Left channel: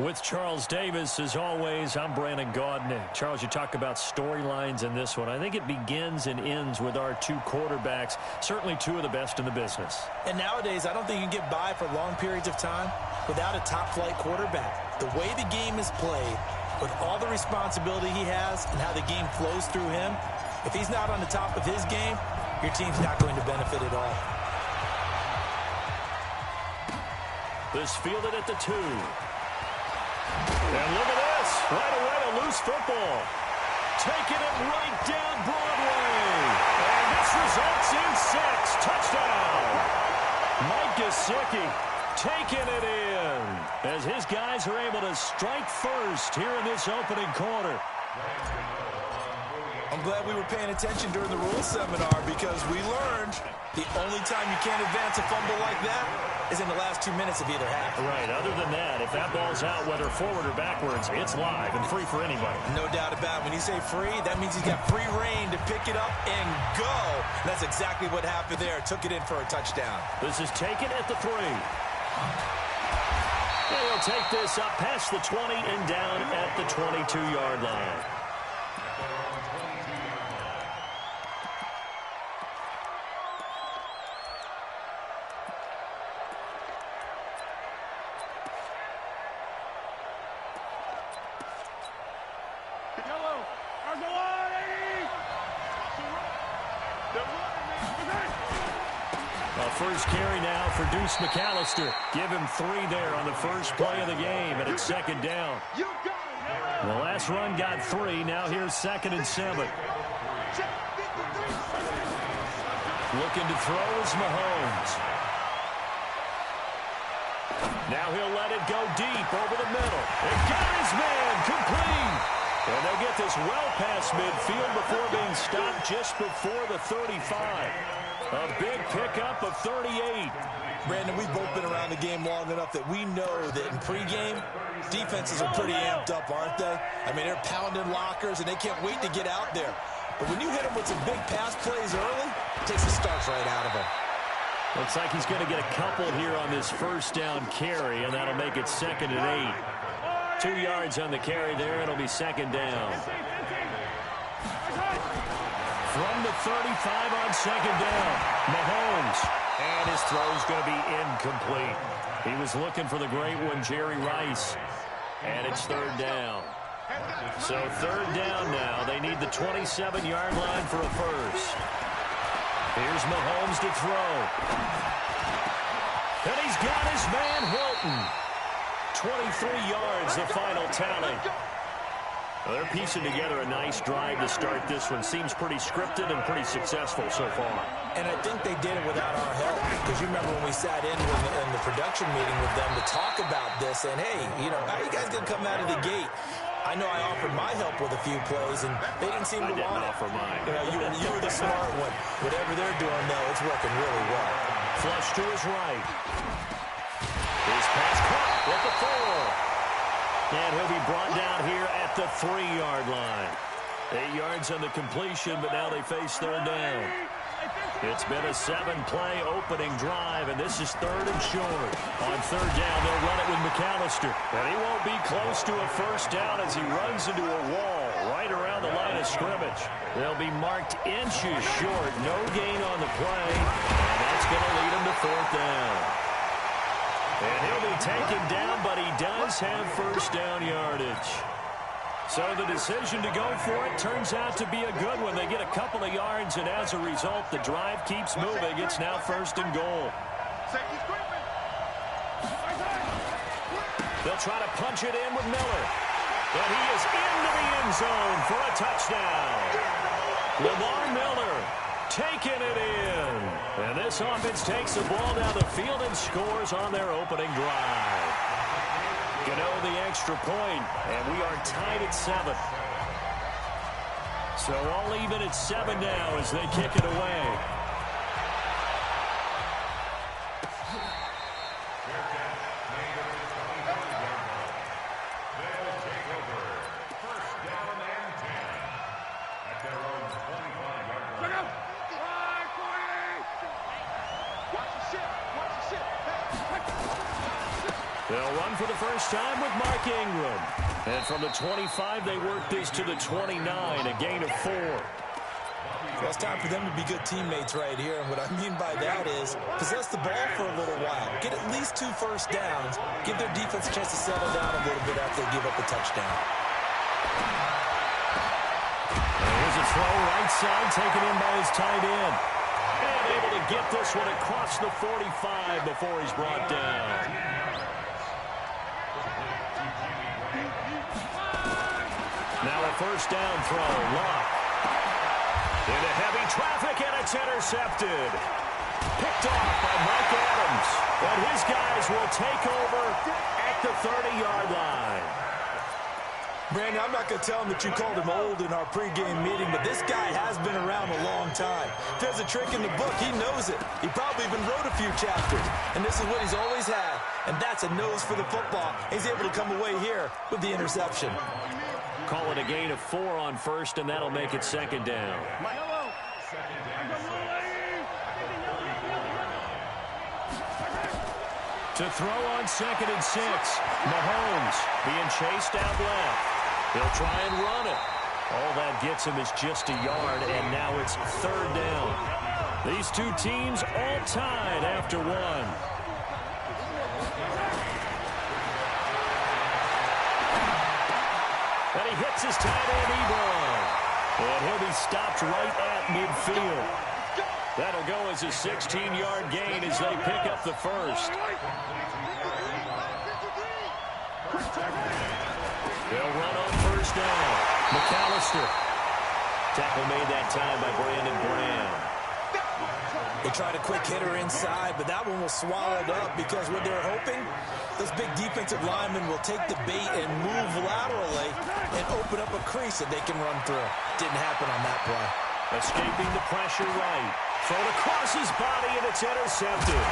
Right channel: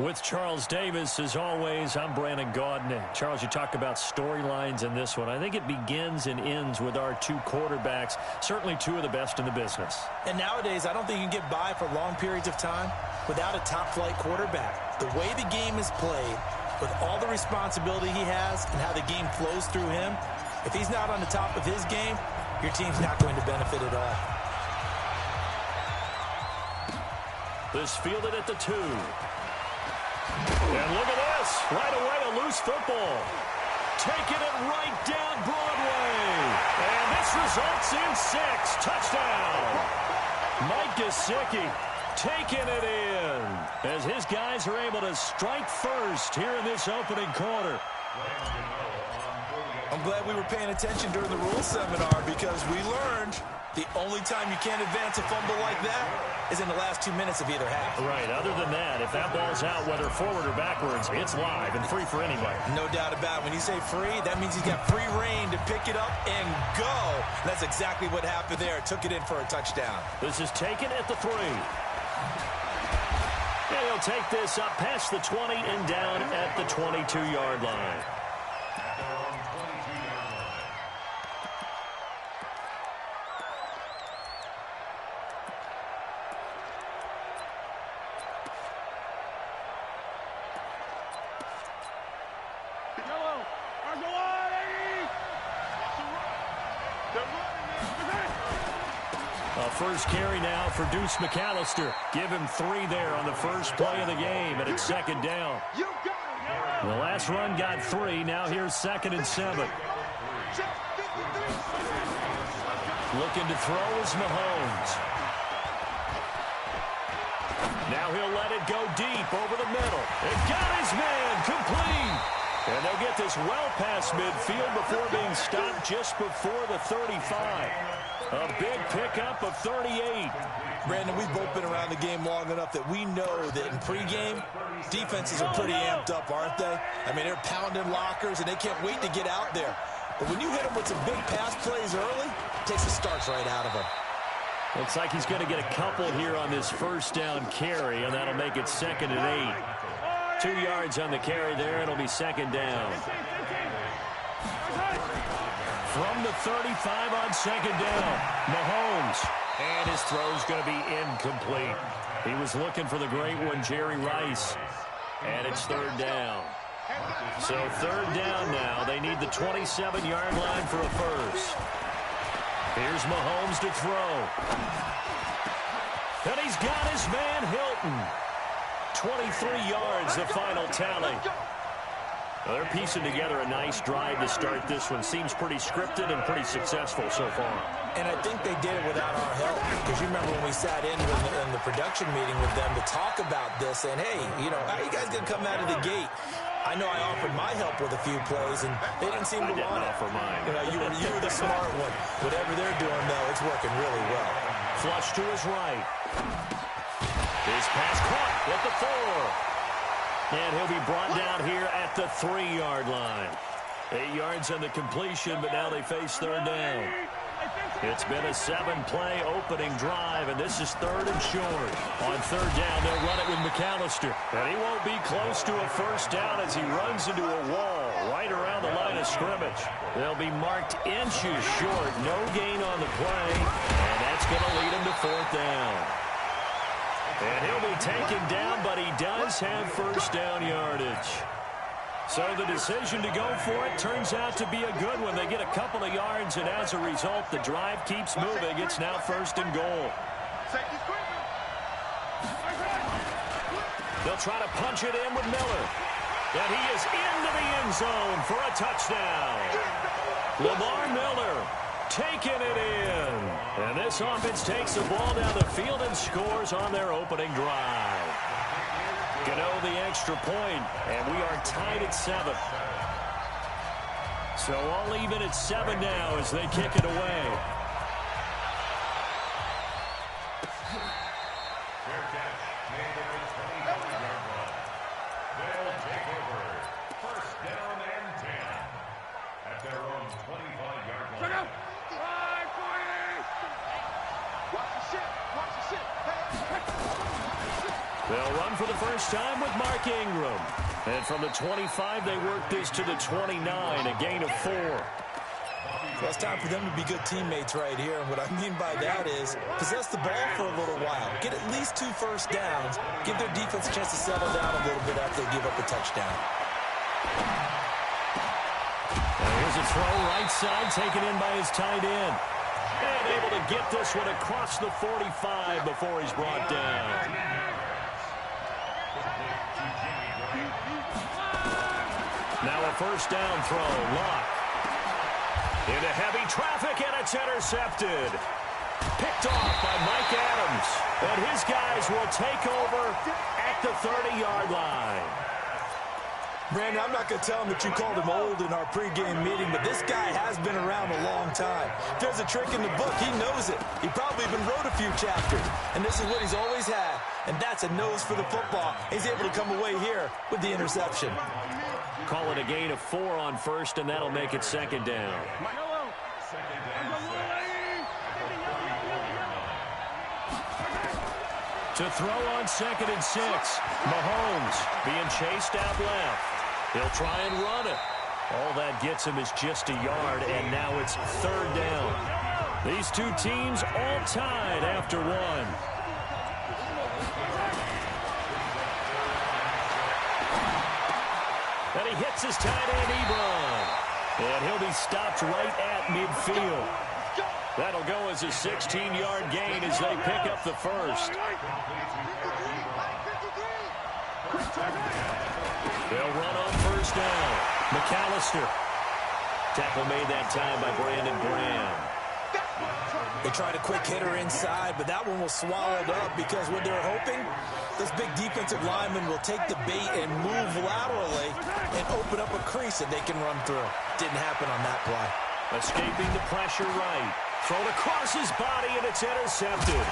With Charles Davis, as always, I'm Brandon Gaudin. Charles, you talk about storylines in this one. I think it begins and ends with our two quarterbacks, certainly two of the best in the business. And nowadays, I don't think you can get by for long periods of time without a top-flight quarterback. The way the game is played, with all the responsibility he has and how the game flows through him, if he's not on the top of his game, your team's not going to benefit at all. This fielded at the 2. And look at this. Right away, a loose football. Taking it right down Broadway. And this results in 6. Touchdown. Mike Gesicki taking it in as his guys are able to strike first here in this opening quarter. I'm glad we were paying attention during the rules seminar because we learned the only time you can't advance a fumble like that is in the last 2 minutes of either half. Right. Other than that, if that ball's out, whether forward or backwards, it's live and free for anybody. No doubt about it. When you say free, that means he's got free reign to pick it up and go. And that's exactly what happened there. Took it in for a touchdown. This is taken at the 3. And he'll take this up past the 20 and down at the 22-yard line. First carry now for Deuce McAllister. Give him 3 there on the first play of the game, and it's second down. The last run got 3. Now here's 2nd and 7. Looking to throw is Mahomes. Now he'll let it go deep over the middle. And got his man complete. And they'll get this well past midfield before being stopped just before the 35. A big pickup of 38. Brandon, we've both been around the game long enough that we know that in pregame, defenses are pretty amped up, aren't they? I mean, they're pounding lockers, and they can't wait to get out there. But when you hit them with some big pass plays early, it takes the starch right out of them. Looks like he's going to get a couple here on this first down carry, and that'll make it 2nd and 8. 2 yards on the carry there. It'll be 2nd down. From the 35 on 2nd down, Mahomes. And his throw's going to be incomplete. He was looking for the great one, Jerry Rice. And it's 3rd down. So 3rd down now. They need the 27-yard line for a first. Here's Mahomes to throw. And he's got his man Hilton. 23 yards, the final tally. Well, they're piecing together a nice drive to start this one. Seems pretty scripted and pretty successful so far. And I think they did it without our help. Because you remember when we sat in the production meeting with them to talk about this. And, hey, you know, how are you guys going to come out of the gate? I know I offered my help with a few plays, and they didn't seem to want it. I didn't offer mine. You know, you were the smart one. Whatever they're doing, though, it's working really well. Flush to his right. His pass caught at the 4. And he'll be brought down here at the 3-yard line. 8 yards on the completion, but now they face 3rd down. It's been a 7-play opening drive, and this is 3rd and short. On 3rd down, they'll run it with McAllister. And he won't be close to a first down as he runs into a wall right around the line of scrimmage. They'll be marked inches short. No gain on the play, and that's going to lead him to 4th down. And he'll be taken down, but he does have first down yardage. So the decision to go for it turns out to be a good one. They get a couple of yards, and as a result, the drive keeps moving. It's now 1st and goal. They'll try to punch it in with Miller. And he is into the end zone for a touchdown. Lamar Miller taking it in. And this offense takes the ball down the field and scores on their opening drive. Gano the extra point, and we are tied at 7. So all even at 7 now as they kick it away. They'll run for the first time with Mark Ingram. And from the 25, they work this to the 29, a gain of 4. Well, it's time for them to be good teammates right here. And what I mean by that is possess the ball for a little while. Get at least 2 first downs. Give their defense a chance to settle down a little bit after they give up a touchdown. Here's a throw right side taken in by his tight end. And able to get this one across the 45 before he's brought down. Now a first down throw. Locke. Into heavy traffic, and it's intercepted. Picked off by Mike Adams. And his guys will take over at the 30-yard line. Brandon, I'm not going to tell him that you called him old in our pregame meeting, but this guy has been around a long time. If there's a trick in the book, he knows it. He probably even wrote a few chapters. And this is what he's always had, and that's a nose for the football. He's able to come away here with the interception. Call it a gain of 4 on first, and that'll make it second down. To throw on 2nd and 6. Mahomes being chased out left. He'll try and run it. All that gets him is just a yard, and now it's 3rd down. These two teams all tied after 1. And he hits his tight end, Ebron. And he'll be stopped right at midfield. That'll go as a 16-yard gain as they pick up the first. They'll run on first down. McAllister. Tackle made that time by Brandon Graham. They tried a quick hitter inside, but that one was swallowed up because what they're hoping, those big defensive linemen will take the bait and move laterally and open up a crease that they can run through. Didn't happen on that play. Escaping the pressure right. Thrown across his body, and it's intercepted.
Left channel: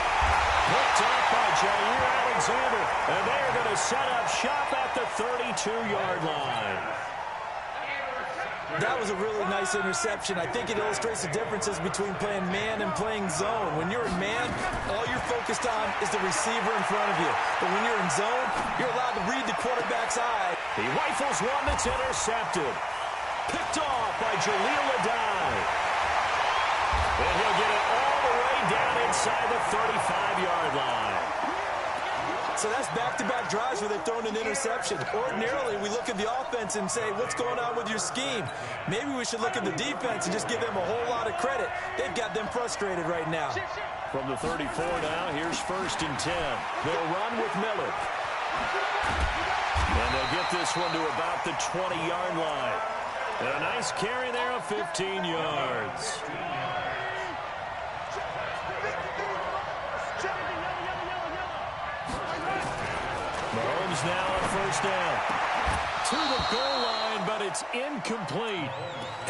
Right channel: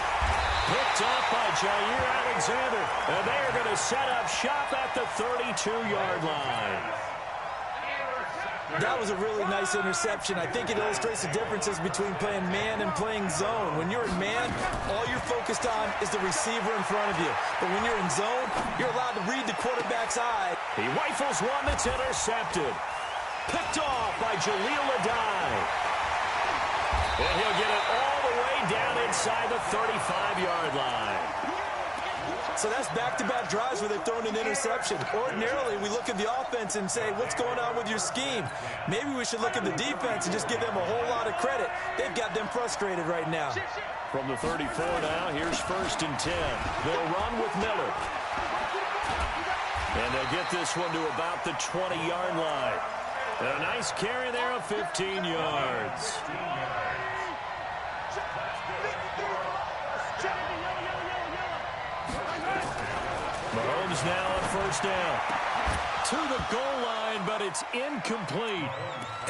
Picked off by Jair Alexander. And they are going to set up shop at the 32-yard line. That was a really nice interception. I think it illustrates the differences between playing man and playing zone. When you're in man, all you're focused on is the receiver in front of you. But when you're in zone, you're allowed to read the quarterback's eye. He rifles one that's intercepted. Picked off by Jaleel Adai. And he'll get it all the way down inside the 35-yard line. So that's back-to-back drives where they've thrown an interception. Ordinarily, we look at the offense and say, what's going on with your scheme? Maybe we should look at the defense and just give them a whole lot of credit. They've got them frustrated right now. From the 34 now, here's 1st and 10. They'll run with Miller. And they'll get this one to about the 20-yard line. And a nice carry there of 15 yards. Mahomes now on first down. To the goal line, but it's incomplete.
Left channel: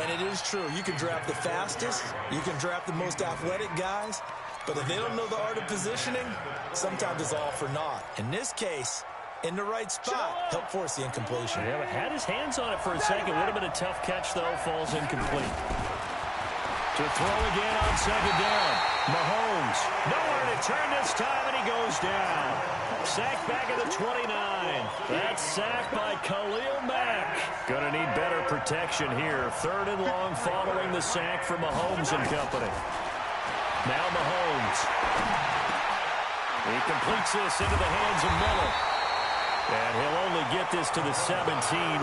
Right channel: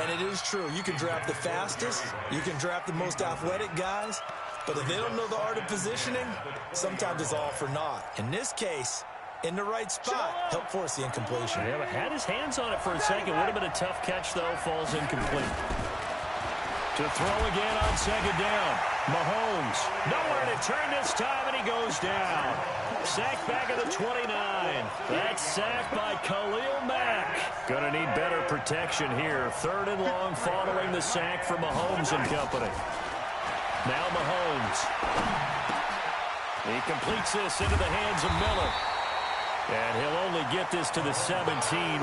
And it is true. You can draft the fastest. You can draft the most athletic guys. But if they don't know the art of positioning, sometimes it's all for naught. In this case, in the right spot, help force the incompletion. Yeah, but had his hands on it for a second. Would have been a tough catch, though. Falls incomplete. To throw again on 2nd down. Mahomes. Nowhere to turn this time, and he goes down. Sacked back at the 29. That's sacked by Khalil Mack. Gonna need better protection here. 3rd and long following the sack for Mahomes and company. Now Mahomes. He completes this into the hands of Miller. And he'll only get this to the 17,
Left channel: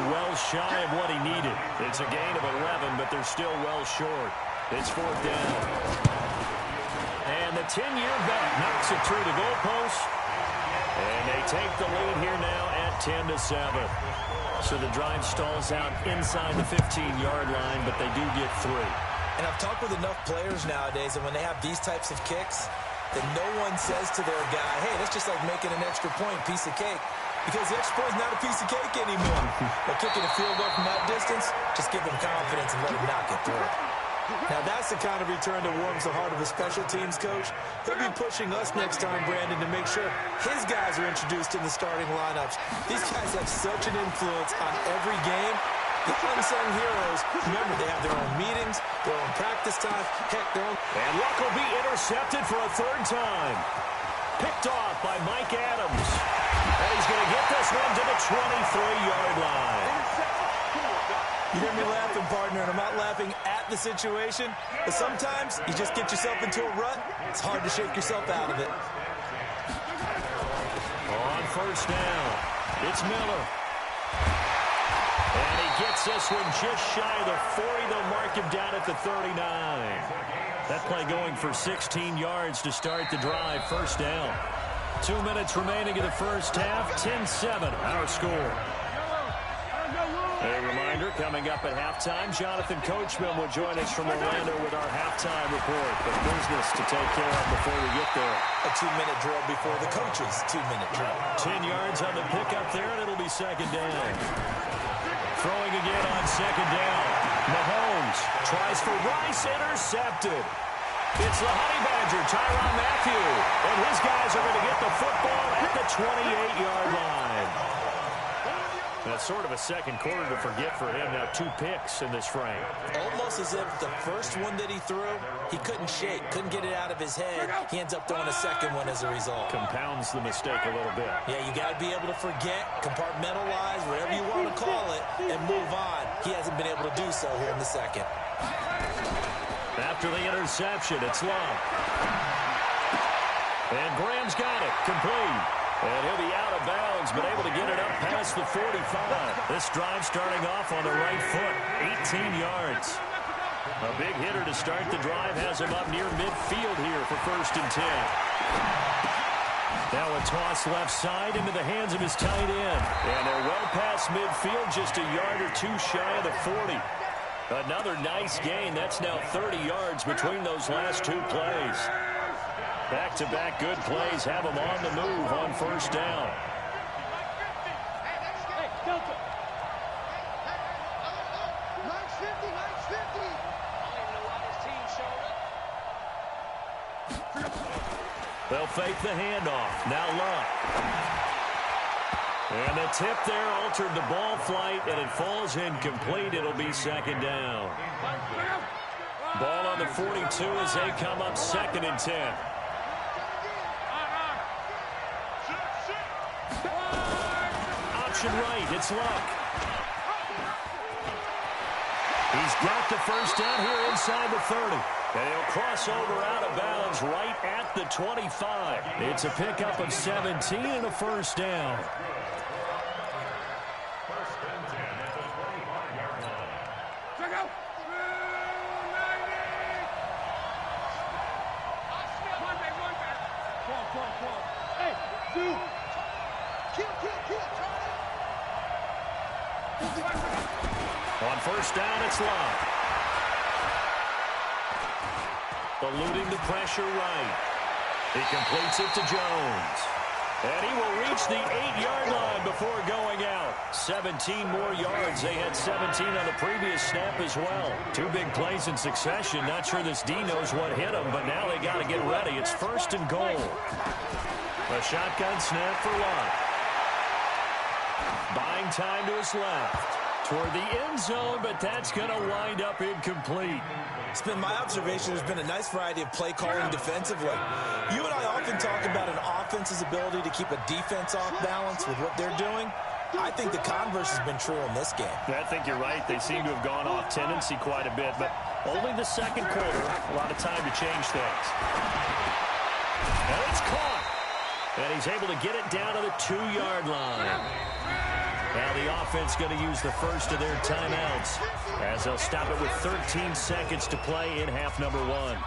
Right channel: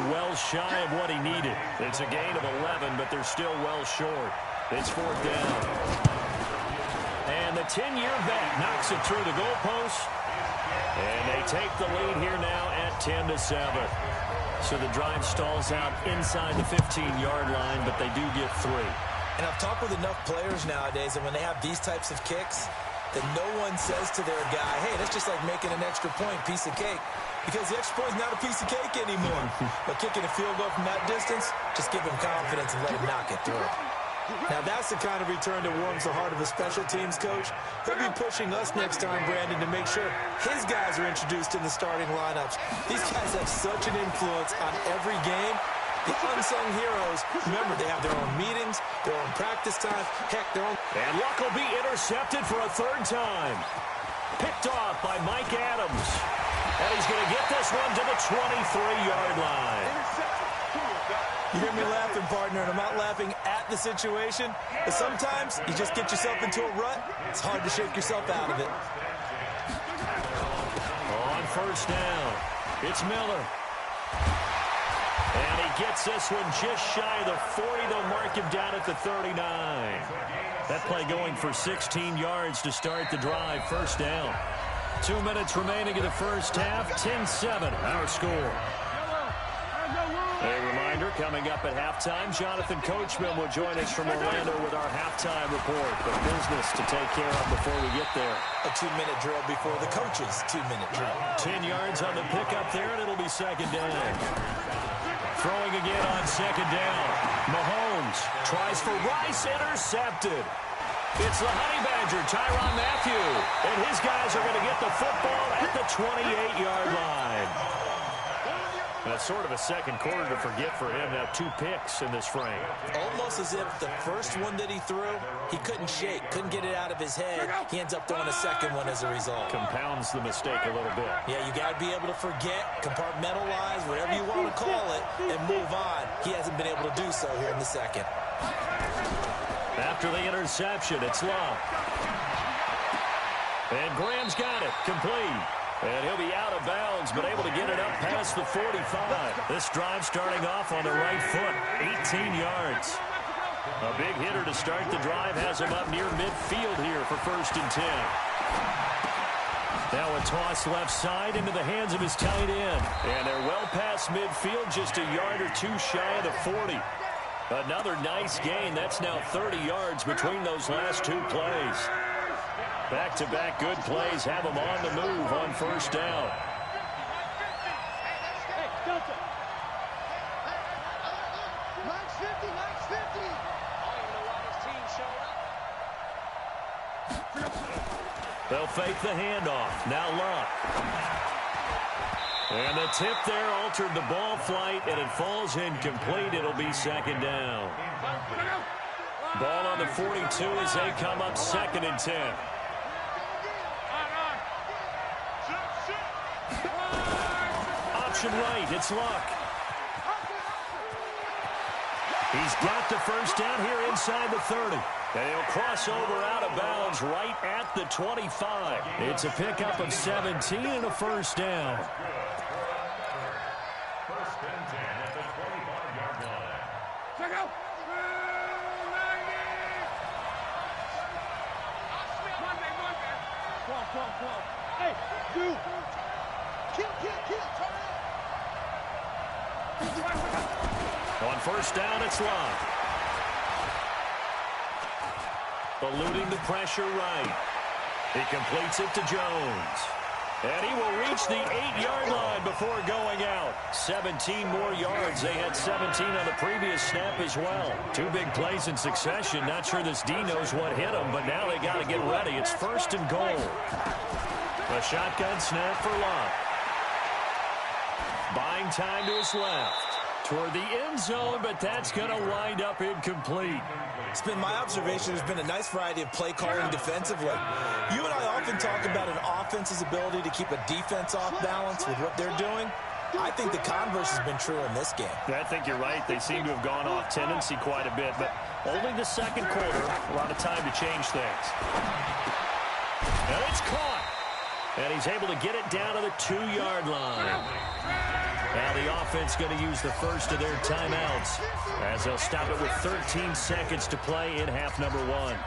well shy of what he needed. It's a gain of 11, but they're still well short. It's 4th down. And the 10-year vet knocks it through the goalpost. And they take the lead here now at 10-7. So the drive stalls out inside the 15-yard line, but they do get 3. And I've talked with enough players nowadays that when they have these types of kicks, that no one says to their guy, hey, that's just like making an extra point, piece of cake. Because the extra point is not a piece of cake anymore. But kicking a field goal from that distance, just give him confidence and let him knock it through. Now, that's the kind of return that warms the heart of a special teams coach. He'll be pushing us next time, Brandon, to make sure his guys are introduced in the starting lineups. These guys have such an influence on every game. The unsung heroes, remember, they have their own meetings, their own practice time, heck, their own... And Luck will be intercepted for a 3rd time. Picked off by Mike Adams. And he's going to get this one to the 23-yard line. You hear me laughing, partner, and I'm not laughing at the situation, but sometimes you just get yourself into a rut. It's hard to shake yourself out of it. On first down, it's Miller. And he gets this one just shy of the 40. They'll mark him down at the 39. That play going for 16 yards to start the drive. First down. 2 minutes remaining in the first half. 10-7, our score. A reminder, coming up at halftime, Jonathan Coachman will join us from Orlando with our halftime report. But business to take care of before we get there. A 2-minute drill before the coach's 2-minute drill. 10 yards on the pickup there, and it'll be second down. Throwing again on second down. Mahomes tries for Rice, intercepted. It's the Honey Badger, Tyrann Mathieu. And his guys are going to get the football at the 28-yard line. That's sort of a second quarter to forget for him. Now 2 picks in this frame. Almost as if the first one that he threw, he couldn't shake, couldn't get it out of his head. He ends up throwing a second one as a result. Compounds the mistake a little bit. Yeah, you got to be able to forget, compartmentalize, whatever you want to call it, and move on. He hasn't been able to do so here in the second. After the interception, it's Love. And Graham's got it, complete. And he'll be out of bounds, but able to get it up past the 45. This drive starting off on the right foot, 18 yards. A big hitter to start the drive has him up near midfield here for 1st and 10. Now a toss left side into the hands of his tight end. And they're well past midfield, just a yard or 2 shy of the 40. Another nice gain. That's now 30 yards between those last 2 plays. Back-to-back good plays have them on the move on first down. Hey, Delta. Line's 50, line's 50. I don't even know why this team showed up. They'll fake the handoff. Now Luck. And the tip there altered the ball flight, and it falls incomplete. It'll be second down. Ball on the 42 as they come up 2nd and 10. Option right, it's Luck. He's got the first down here inside the 30. And he'll cross over out of bounds right at the 25. It's a pickup of 17 and a first down. 1st and 10 at the 25-yard line. Check out. 12. Hey, dude. Kill. On first down, it's Love. Eluding the pressure right. He completes it to Jones. And he will reach the 8-yard line before going out. 17 more yards. They had 17 on the previous snap as well. 2 big plays in succession. Not sure this D knows what hit him, but now they got to get ready. It's 1st and goal. A shotgun snap for Love. Buying time to his left. Toward the end zone, but that's going to wind up incomplete. It's been my observation there's been a nice variety of play calling defensively. You and I often talk about an offense's ability to keep a defense off balance with what they're doing. I think the converse has been true in this game. I think you're right. They seem to have gone off tendency quite a bit, but only the second quarter, a lot of time to change things. And it's caught. And he's able to get it down to the 2-yard line. Now the offense going to use the first of their timeouts as they'll stop it with 13 seconds to play in half number 1.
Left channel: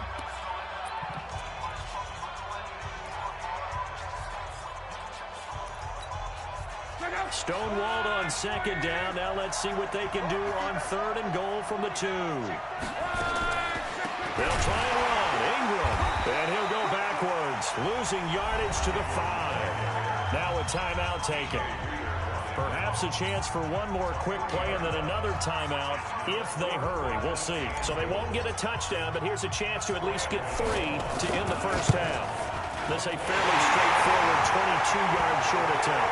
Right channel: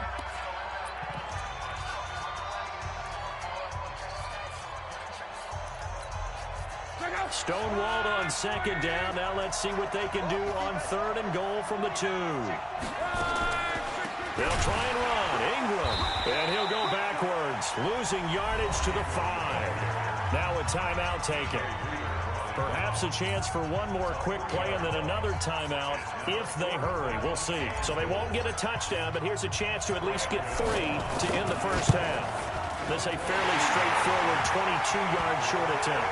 Stonewalled on second down. Now let's see what they can do on 3rd and goal from the 2. They'll try and run. Ingram. And he'll go backwards, losing yardage to the 5. Now a timeout taken. Perhaps a chance for one more quick play and then another timeout if they hurry. We'll see. So they won't get a touchdown, but here's a chance to at least get 3 to end the first half. This a fairly straightforward 22-yard short attempt.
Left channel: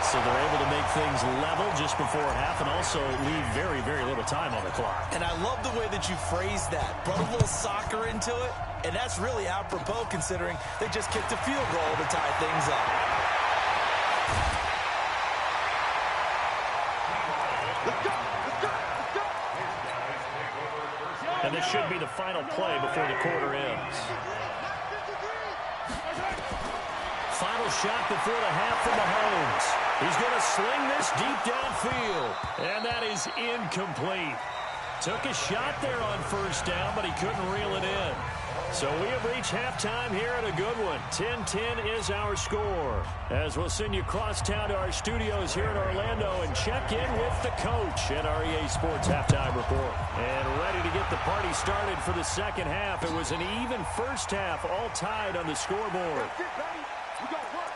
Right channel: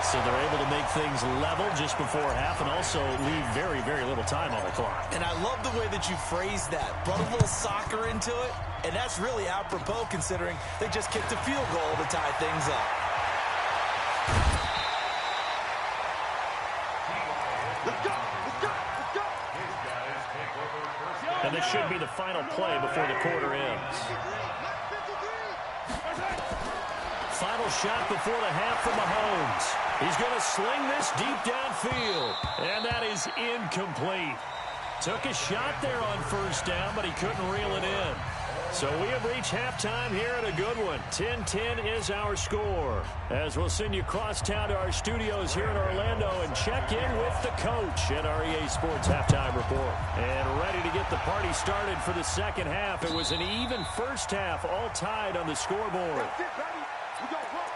So they're able to make things level just before half and also leave very, very little time on the clock. And I love the way that you phrased that. Brought a little soccer into it, and that's really apropos considering they just kicked a field goal to tie things up. Let's go! Let's go! Let's go! And this should be the final play before the quarter ends. Final shot before the half from Mahomes. He's going to sling this deep downfield. And that is incomplete. Took a shot there on first down, but he couldn't reel it in. So we have reached halftime here at a good one. 10-10 is our score. As we'll send you across town to our studios here in Orlando and check in with the coach at our EA Sports Halftime Report. And ready to get the party started for the second half. It was an even first half, all tied on the scoreboard. That's it, baby. We got work.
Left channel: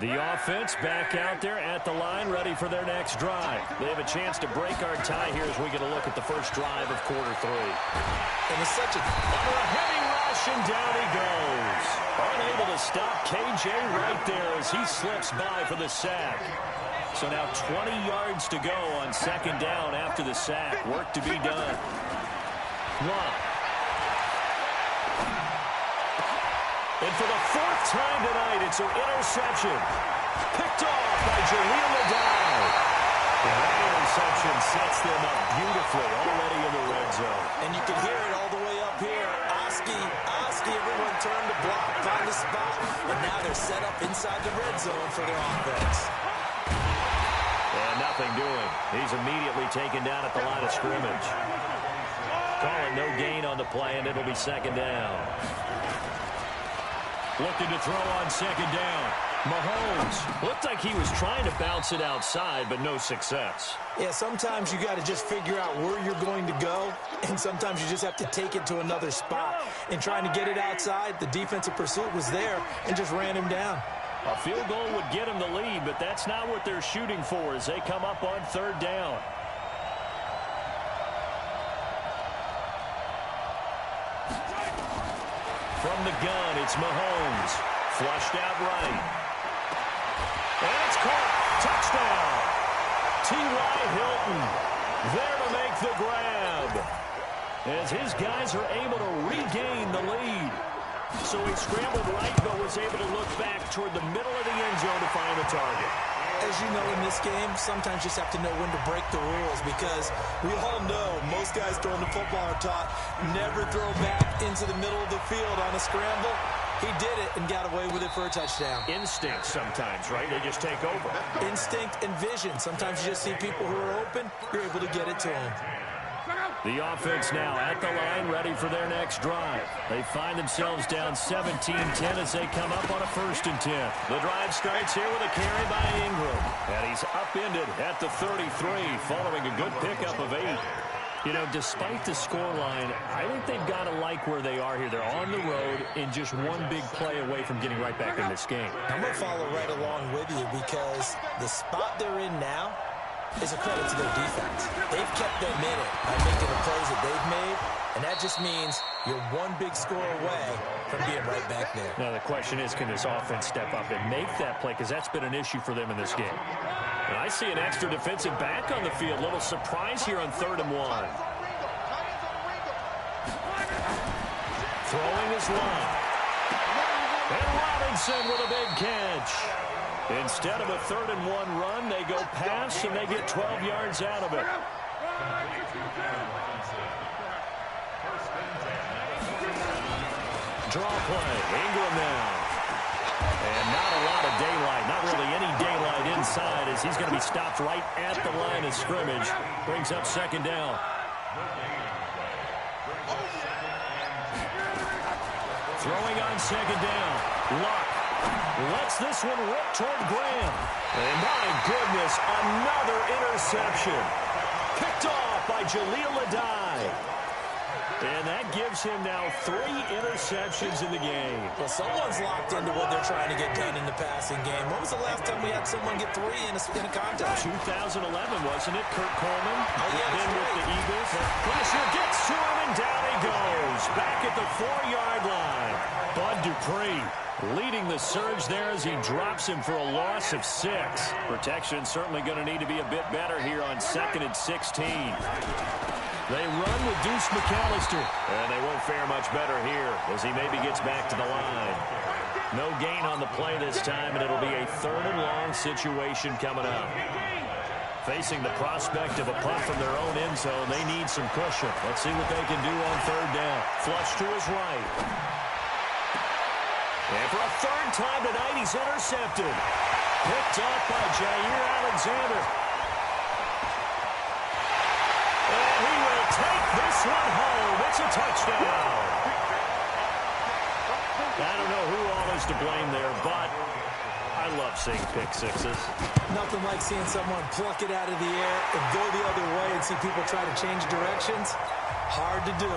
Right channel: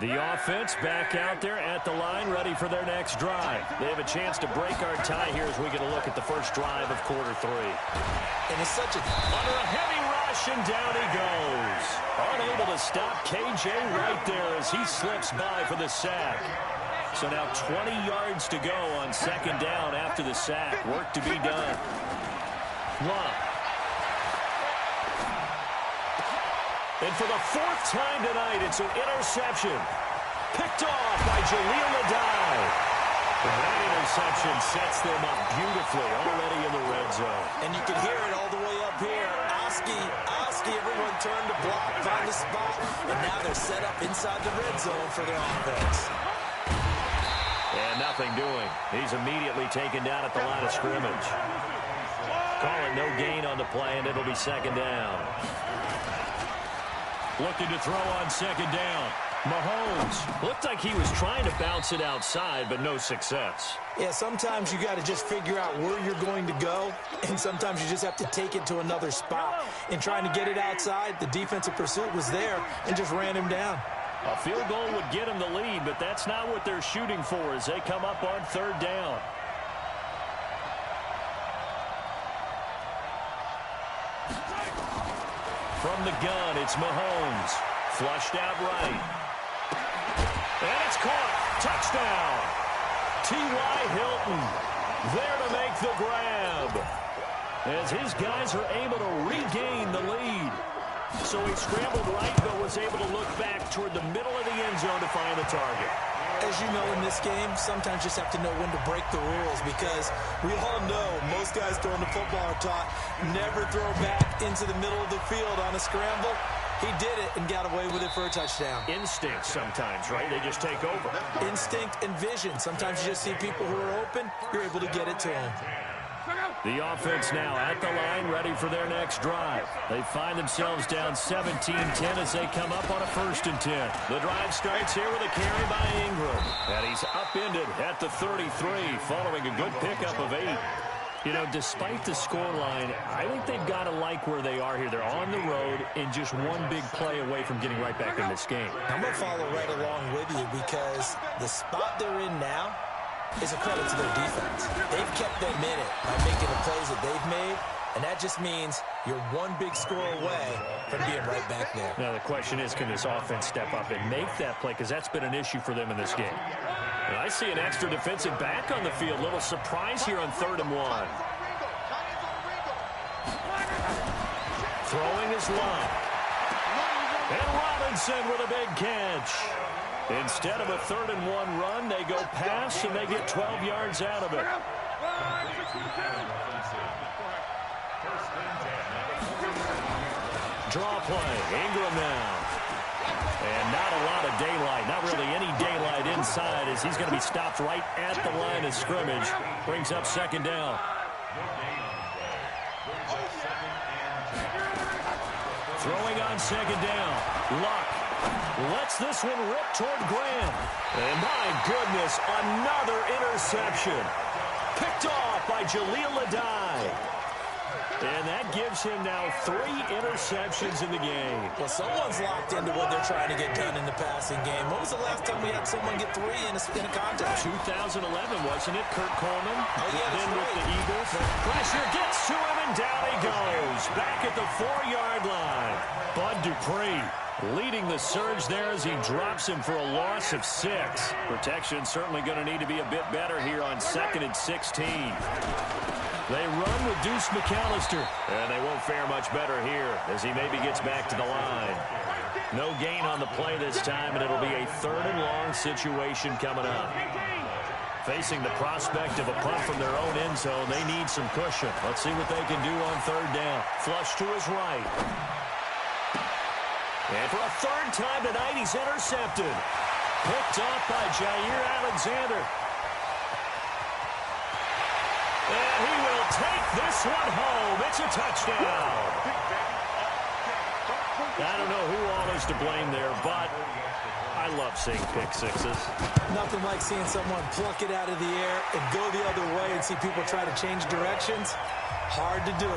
The offense back out there at the line, ready for their next drive. They have a chance to break our tie here as we get a look at the first drive of quarter three. And it's such a... Under a heavy rush, and down he goes. Unable to stop KJ right there as he slips by for the sack. So now 20 yards to go on second down after the sack. Work to be done. Long. And for the fourth time tonight, it's an interception. Picked off by Jaleel Adai. That interception sets them up beautifully already in the red zone. And you can hear it all the way up here. Oski, everyone turned to block, find a spot, and now they're set up inside the red zone for their offense. And nothing doing. He's immediately taken down at the line of scrimmage. Calling no gain on the play, and it'll be second down. Looking to throw on second down. Mahomes looked like he was trying to bounce it outside, but no success. Yeah, sometimes you got to just figure out where you're going to go, and sometimes you just have to take it to another spot. In trying to get it outside, the defensive pursuit was there and just ran him down. A field goal would get him the lead, but that's not what they're shooting for as they come up on third down. From the gun, it's Mahomes. Flushed out right. And it's caught. Touchdown. T.Y. Hilton there to make the grab. As his guys are able to regain the lead. So he scrambled right, but was able to look back toward the middle of the end zone to find the target. As you know, in this game, sometimes you just have to know when to break the rules, because we all know most guys throwing the football are taught never throw back into the middle of the field on a scramble. He did it and got away with it for a touchdown. Instinct sometimes, right? They just take over. Instinct and vision. Sometimes you just see people who are open, you're able to get it to them. The offense now at the line, ready for their next drive. They find themselves down 17-10 as they come up on a 1st and 10. The drive starts here with a carry by Ingram. And he's upended at the 33 following a good pickup of 8. You know, despite the scoreline, I think they've got to like where they are here. They're on the road and just one big play away from getting right back in this game. I'm going to follow right along with you, because the spot they're in now is a credit to their defense. They've kept them in it by making the plays that they've made, and that just means you're one big score away from being right back there. Now the question is, can this offense step up and make that play, because that's been an issue for them in this game. And I see an extra defensive back on the field. Little surprise here on 3rd and 1. Throwing is Long. And Robinson with a big catch. Instead of a 3rd and 1 run, they go pass, and they get 12 yards out of it. Draw play. Ingram now. And not a lot of daylight. Not really any daylight inside, as he's going to be stopped right at the line of scrimmage. Brings up second down. Throwing on second down. Luck lets this one rip toward Graham. And my goodness, another interception. Picked off by Jaleel Adai. And that gives him now 3 interceptions in the game. Well, someone's locked into what they're trying to get done in the passing game. When was the last time we had someone get 3 in a contest? 2011, wasn't it? Kurt Coleman. Oh, yeah, then that's with right. the Eagles. Pressure gets to him, and down he goes. Back at the 4-yard line. Bud Dupree leading the surge there as he drops him for a loss of 6. Protection certainly going to need to be a bit better here on 2nd and 16. They run with Deuce McAllister. And they won't fare much better here as he maybe gets back to the line. No gain on the play this time, and it'll be a 3rd and long situation coming up. Facing the prospect of a punt from their own end zone, they need some cushion. Let's see what they can do on 3rd down. Flush to his right. And for a 3rd time tonight, he's intercepted. Picked off by Jair Alexander. And he will take this one home. It's a touchdown. I don't know who all is to blame there, but I love seeing pick sixes. Nothing like seeing someone pluck it out of the air and go the other way and see people try to change directions. Hard to do.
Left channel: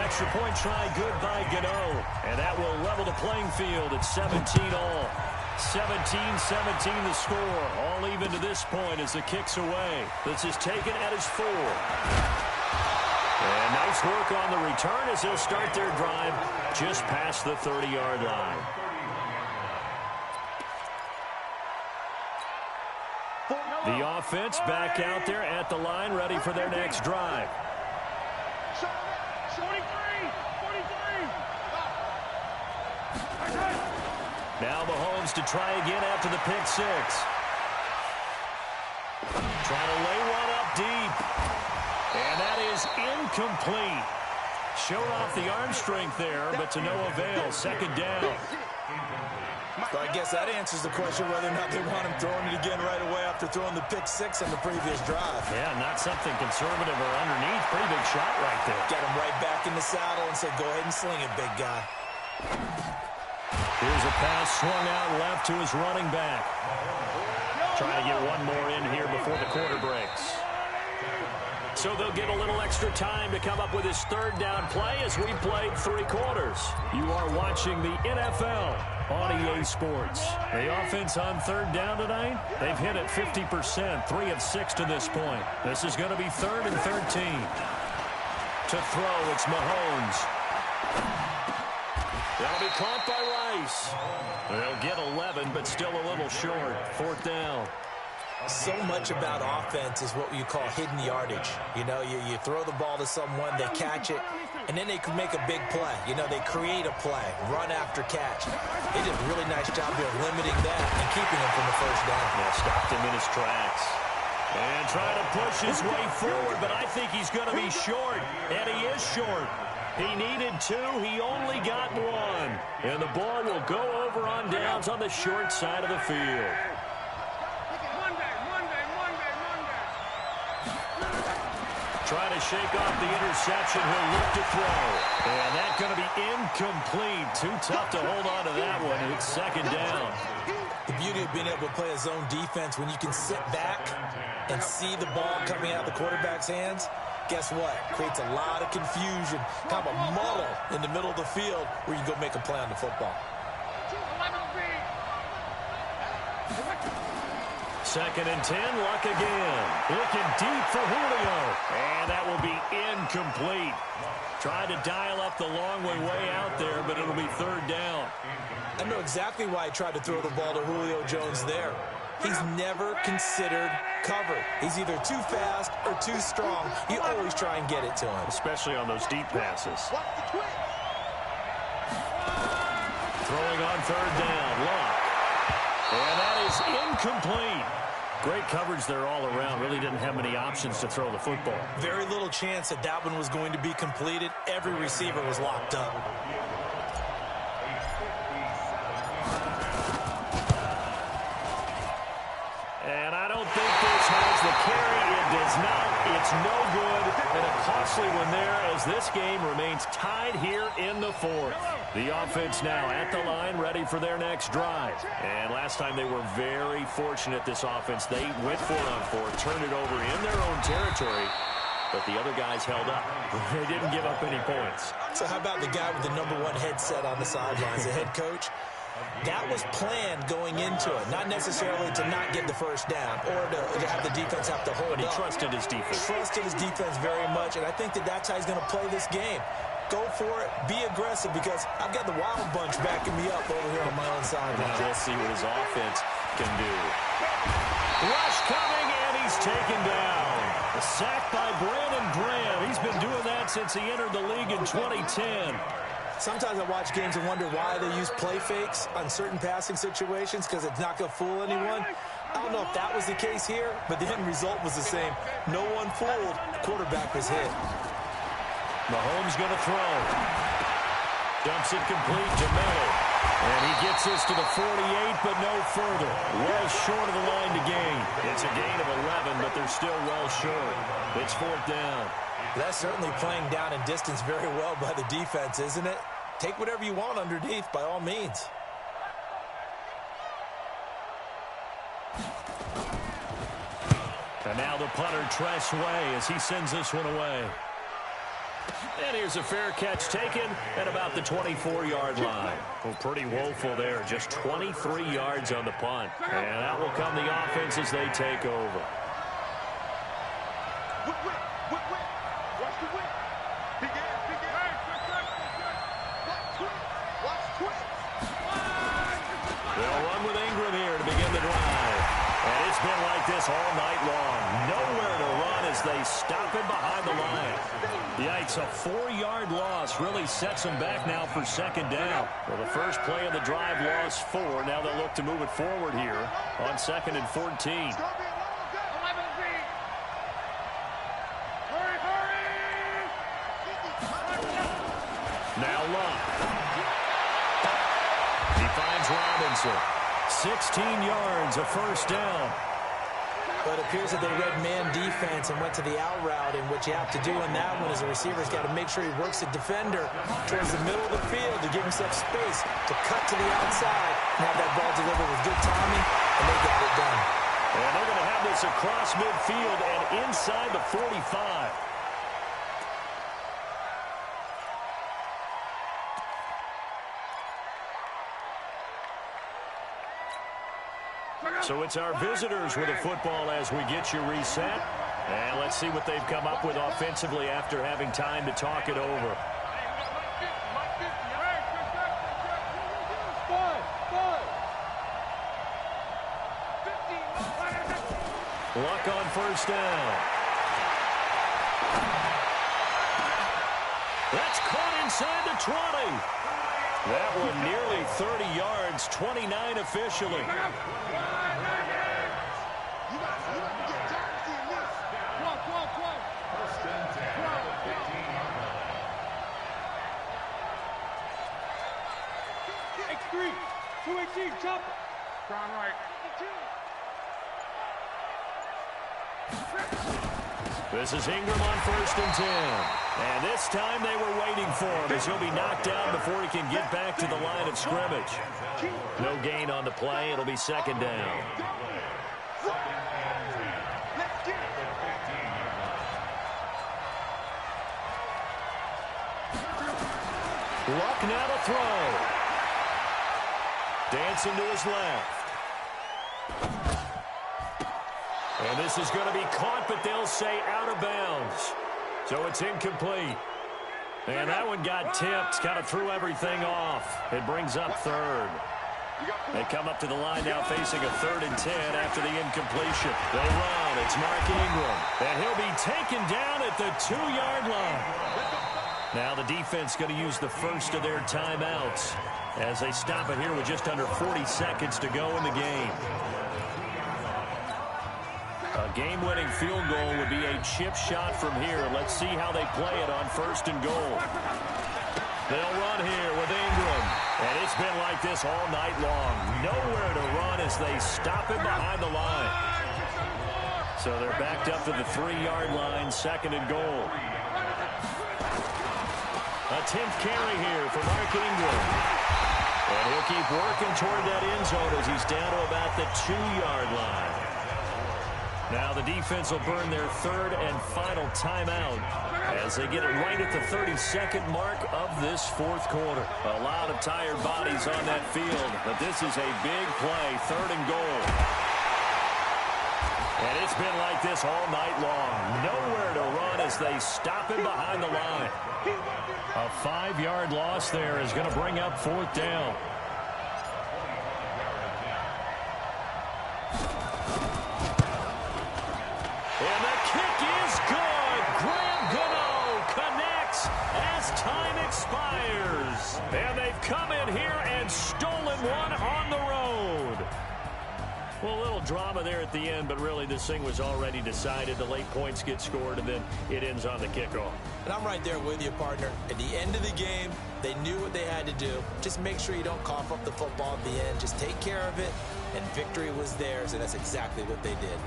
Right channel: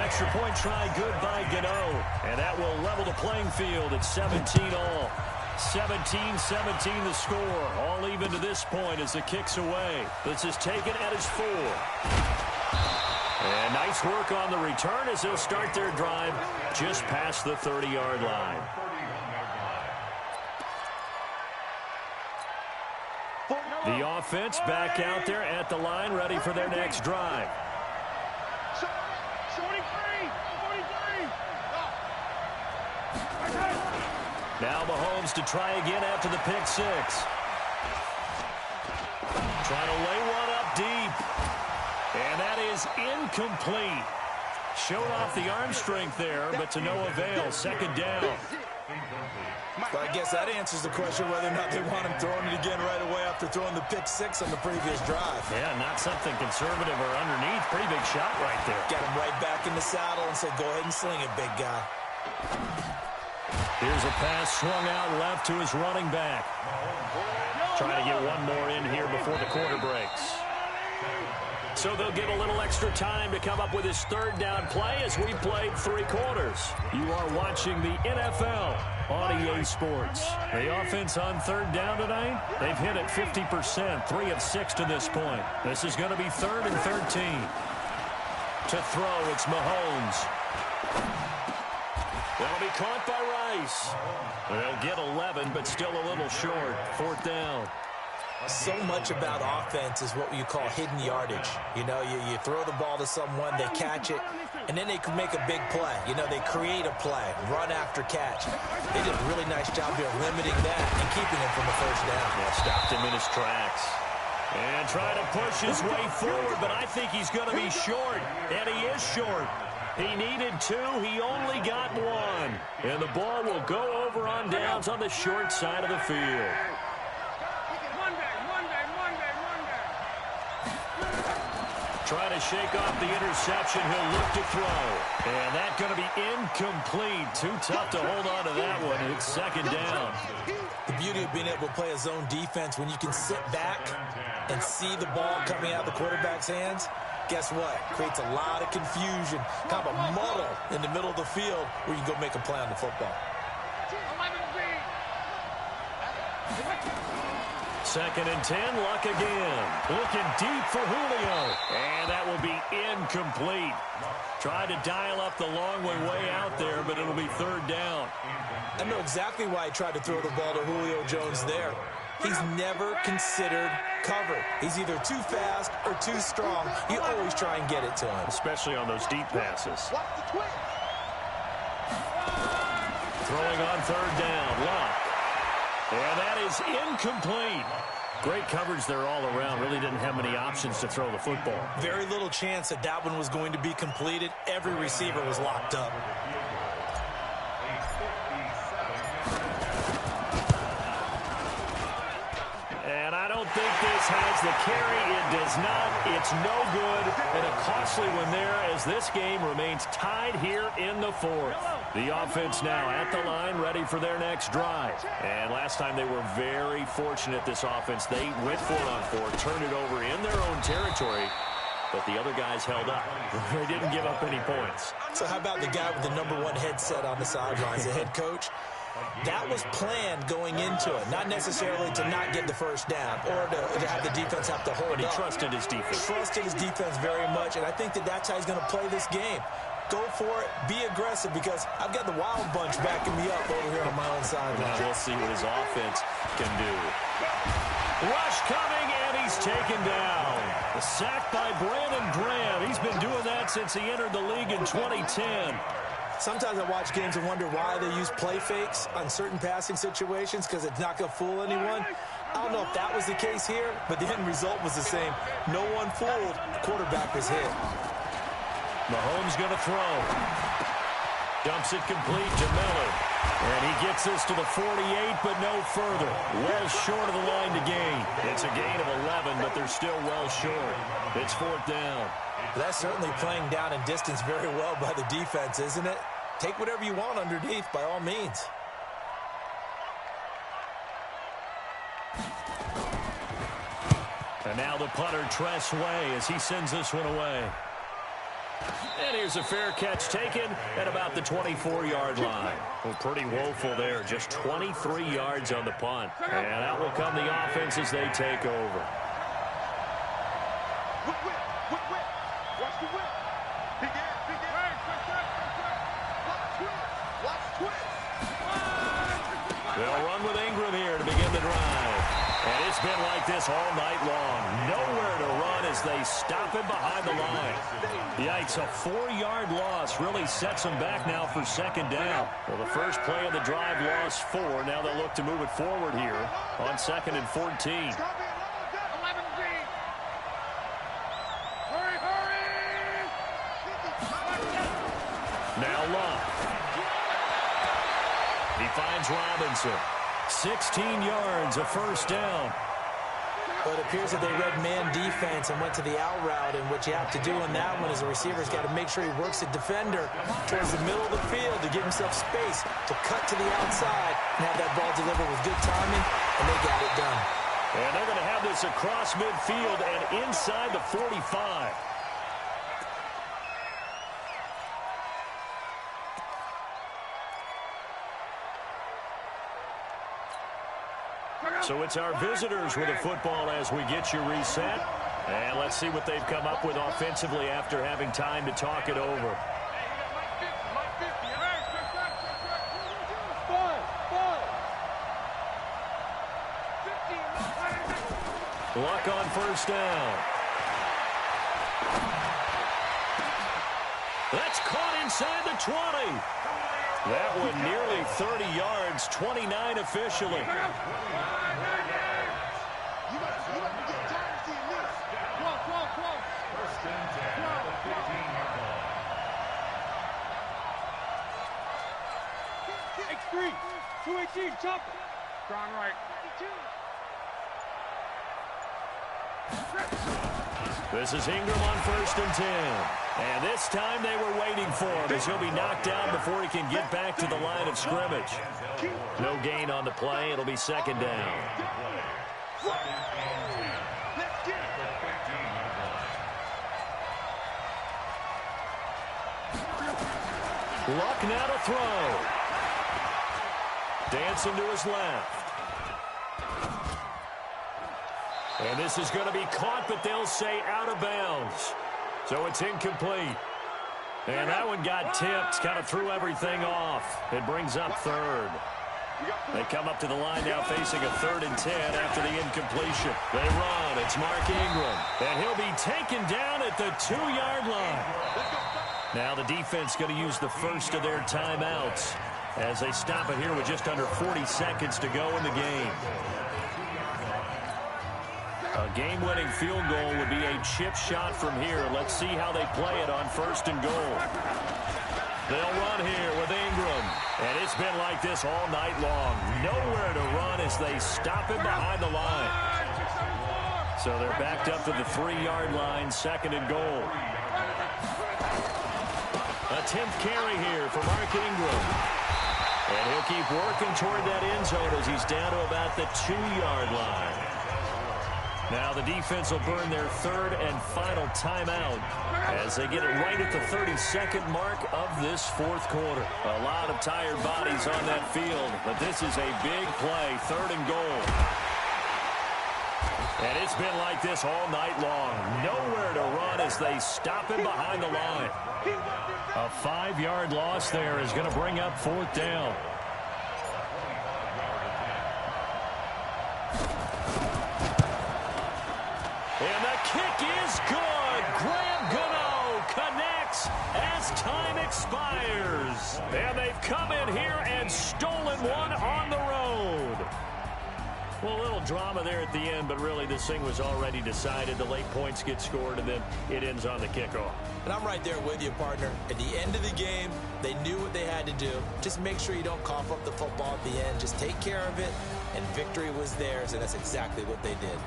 Extra point try good by Gano. And that will level the playing field at 17 all. 17-17 the score. All even to this point as the kick's away. This is taken at his 4. And nice work on the return as they'll start their drive just past the 30-yard line. The offense back out there at the line, ready for their next drive. 43. Now Mahomes to try again after the pick 6. Trying to lay one up deep. And that is incomplete. Showed off the arm strength there, but to no avail. 2nd down. So I guess that answers the question whether or not they want him throwing it again right away after throwing the pick 6 on the previous drive. Yeah, not something conservative or underneath. Pretty big shot right there. Got him right back in the saddle and said, go ahead and sling it, big guy. Here's a pass swung out left to his running back. Trying to get one more in here before the quarter breaks. So they'll get a little extra time to come up with his 3rd down play as we played 3 quarters. You are watching the NFL on EA Sports. The offense on 3rd down tonight, they've hit it 50%, 3 of 6 to this point. This is going to be 3rd and 13. To throw, it's Mahomes. That'll be caught by Rice. They'll get 11, but still a little short. 4th down. So much about offense is what you call hidden yardage. You know, you throw the ball to someone, they catch it, and then they can make a big play. You know, they create a play, run after catch. They did a really nice job here limiting that and keeping him from the 1st down. Yeah, stopped him in his tracks. And trying to push his way forward, but I think he's going to be short, and he is short. He needed 2. He only got 1. And the ball will go over on downs on the short side of the field. Trying to shake off the interception. He'll look to throw. And that's going to be incomplete. Too tough to hold on to that one. It's 2nd down. The beauty of being able to play a zone defense when you can sit back and see the ball coming out of the quarterback's hands, guess what? Creates a lot of confusion, kind of a muddle in the middle of the field where you can go make a play on the football. 2nd and 10, Luck again. Looking deep for Julio. And that will be incomplete. Tried to dial up the long way out there, but it'll be 3rd down. I know exactly why he tried to throw the ball to Julio Jones there. He's never considered cover. He's either too fast or too strong. You always try and get it to him. Especially on those deep passes. Throwing on 3rd down, Luck. And that is incomplete. Great coverage there all around. Really didn't have many options to throw the football. Very little chance that that one was going to be completed. Every receiver was locked up. And I don't think this has the carry. It does not. It's no good. And a costly one there as this game remains tied here in the 4th. The offense now at the line, ready for their next drive. And last time they were very fortunate, this offense. They went 4-on-4, turned it over in their own territory. But the other guys held up. They didn't give up any points. So how about the guy with the #1 headset on the sidelines, the head coach? That was planned going into it, not necessarily to not get the 1st down or to have the defense have to hold up. But he trusted his defense. Trusted his defense very much, and I think that that's how he's going to play this game. Go for it, be aggressive, because I've got the wild bunch backing me up over here on my own sideline. We'll see what his offense can do. Rush coming, and he he's taken down. A sack by Brandon Graham. He's been doing that since he entered the league in 2010. Sometimes I watch games and wonder why they use play fakes on certain passing situations because it's not going to fool anyone. I don't know if that was the case here, but the end result was the same. No one fooled. The quarterback was hit. Mahomes going to throw. Dumps it complete to Miller. And he gets this to the 48, but no further. Well short of the line to gain. It's a gain of 11, but they're still well short. It's 4th down. That's certainly playing down in distance very well by the defense, isn't it? Take whatever you want underneath, by all means. And now the punter, Tress Way, as he sends this one away. And here's a fair catch taken at about the 24-yard line. Well, pretty woeful there. Just 23 yards on the punt. And out will come the offense as they take over. Whip. Watch the whip. Big ass. Watch twist. They'll run with Ingram here to begin the drive. And it's been like this all night long. Nowhere to run as they stop him behind the line. Yikes, a 4-yard loss really sets them back now for 2nd down. Well, the first play of the drive lost 4. Now they'll look to move it forward here on 2nd and 14. Now Luck. He finds Robinson. 16 yards, a 1st down. But it appears that they read man defense and went to the out route, and what you have to do on that one is the receiver's got to make sure he works the defender towards the middle of the field to give himself space to cut to the outside and have that ball delivered with good timing, and they got it done. And they're going to have this across midfield and inside the 45. So it's our visitors with the football as we get you reset. And let's see what they've come up with offensively after having time to talk it over. Luck on 1st down. That's caught inside the 20. That one nearly 30 yards, 29 officially. You got to get time to see this. Come on. 1st and 10 at the 15-yard line. X3, 218, chopper. Strong right. 52. This is Ingram on 1st and 10. And this time they were waiting for him as he'll be knocked down before he can get back to the line of scrimmage. No gain on the play. It'll be 2nd down. Let's get it. Luck now to throw. Dancing to his left. And this is going to be caught, but they'll say out of bounds. So it's incomplete. And that one got tipped, kind of threw everything off. It brings up 3rd. They come up to the line now facing a 3rd and 10 after the incompletion. They run. It's Mark Ingram. And he'll be taken down at the 2-yard line. Now the defense going to use the first of their timeouts as they stop it here with just under 40 seconds to go in the game. A game-winning field goal would be a chip shot from here. Let's see how they play it on 1st and goal. They'll run here with Ingram. And it's been like this all night long. Nowhere to run as they stop him behind the line. So they're backed up to the 3-yard line, 2nd and goal. A 10th carry here for Mark Ingram. And he'll keep working toward that end zone as he's down to about the 2-yard line. Now the defense will burn their 3rd and final timeout as they get it right at the 32nd mark of this 4th quarter. A lot of tired bodies on that field, but this is a big play, 3rd and goal. And it's been like this all night long. Nowhere to run as they stop him behind the line. A 5-yard loss there is going to bring up 4th down. as time expires. And they've come in here and stolen one on the road. Well, a little drama there at the end, but really this thing was already decided. The late points get scored, and then it ends on the kickoff. And I'm right there with you, partner. At the end of the game, they knew what they had to do. Just make sure you don't cough up the football at the end. Just take care of it, and victory was theirs, and that's exactly what they did.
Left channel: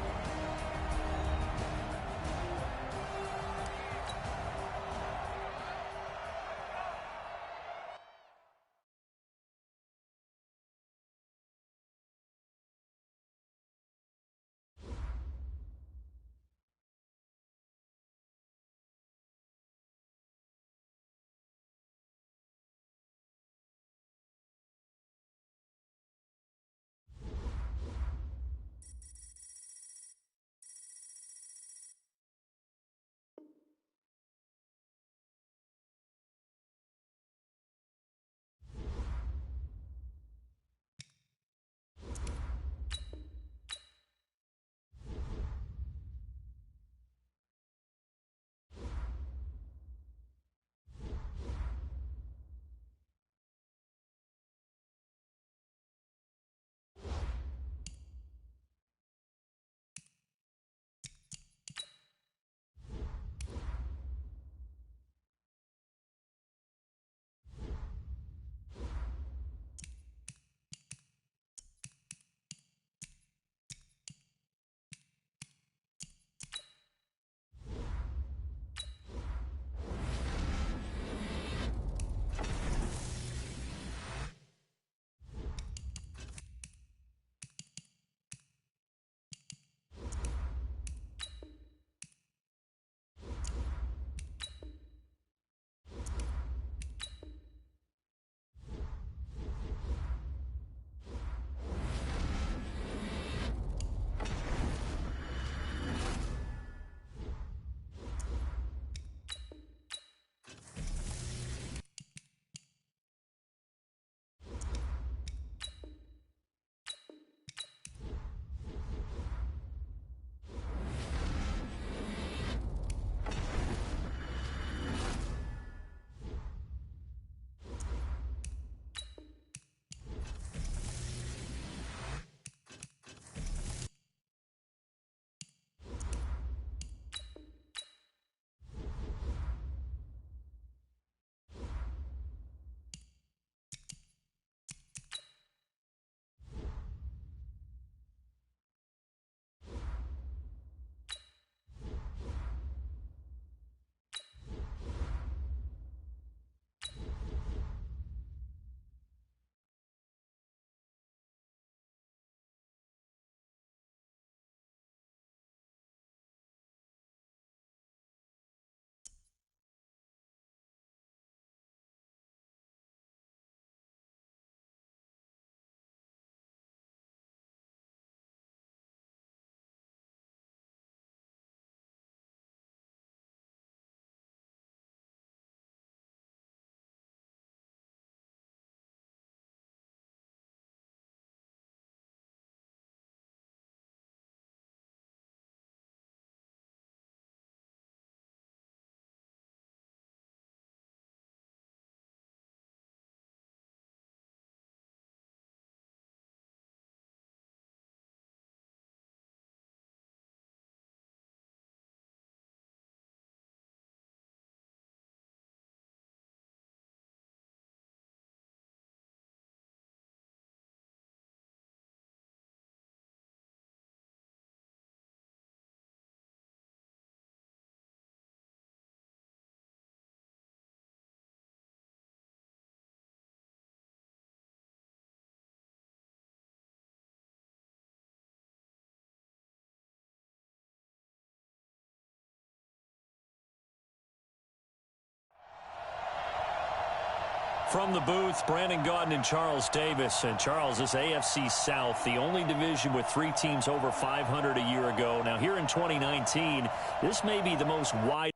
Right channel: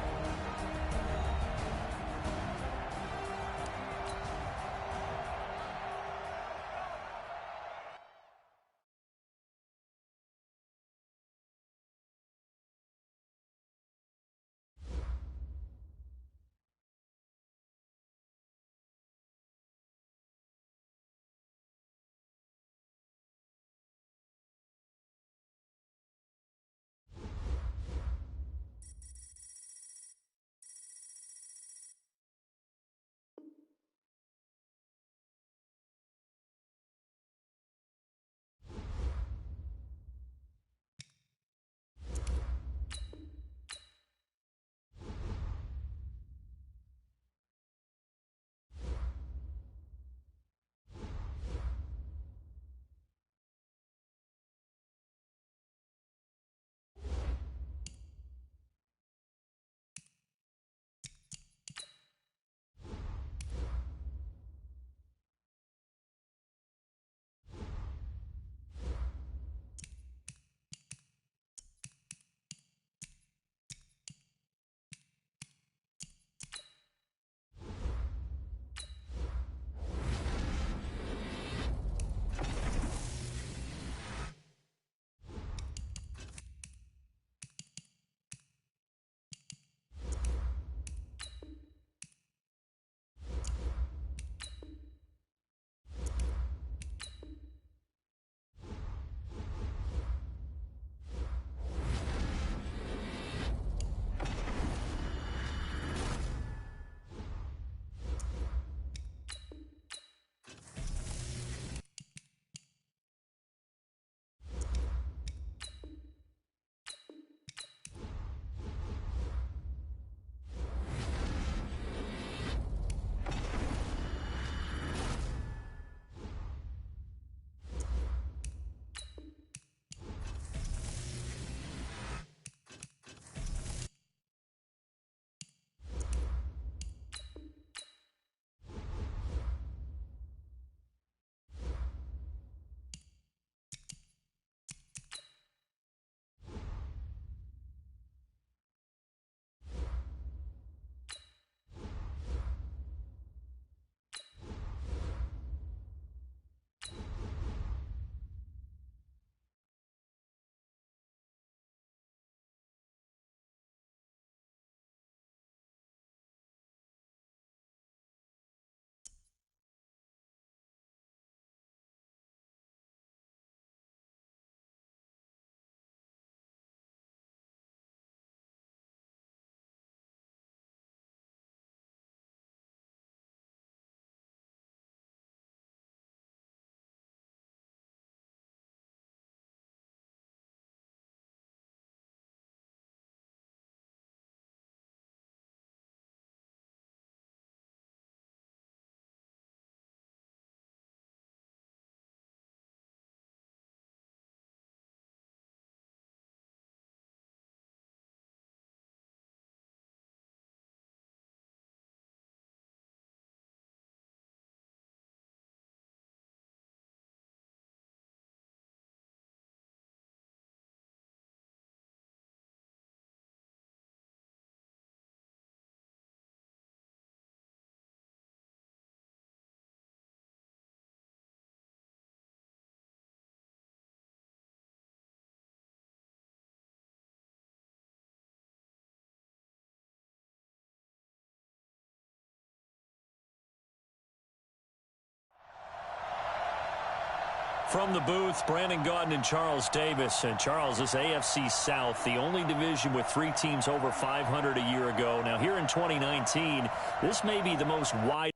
From the booth, Brandon Gaudin and Charles Davis. And Charles, this AFC South, the only division with 3 teams over 500 a year ago. Now here in 2019, this may be the most wide.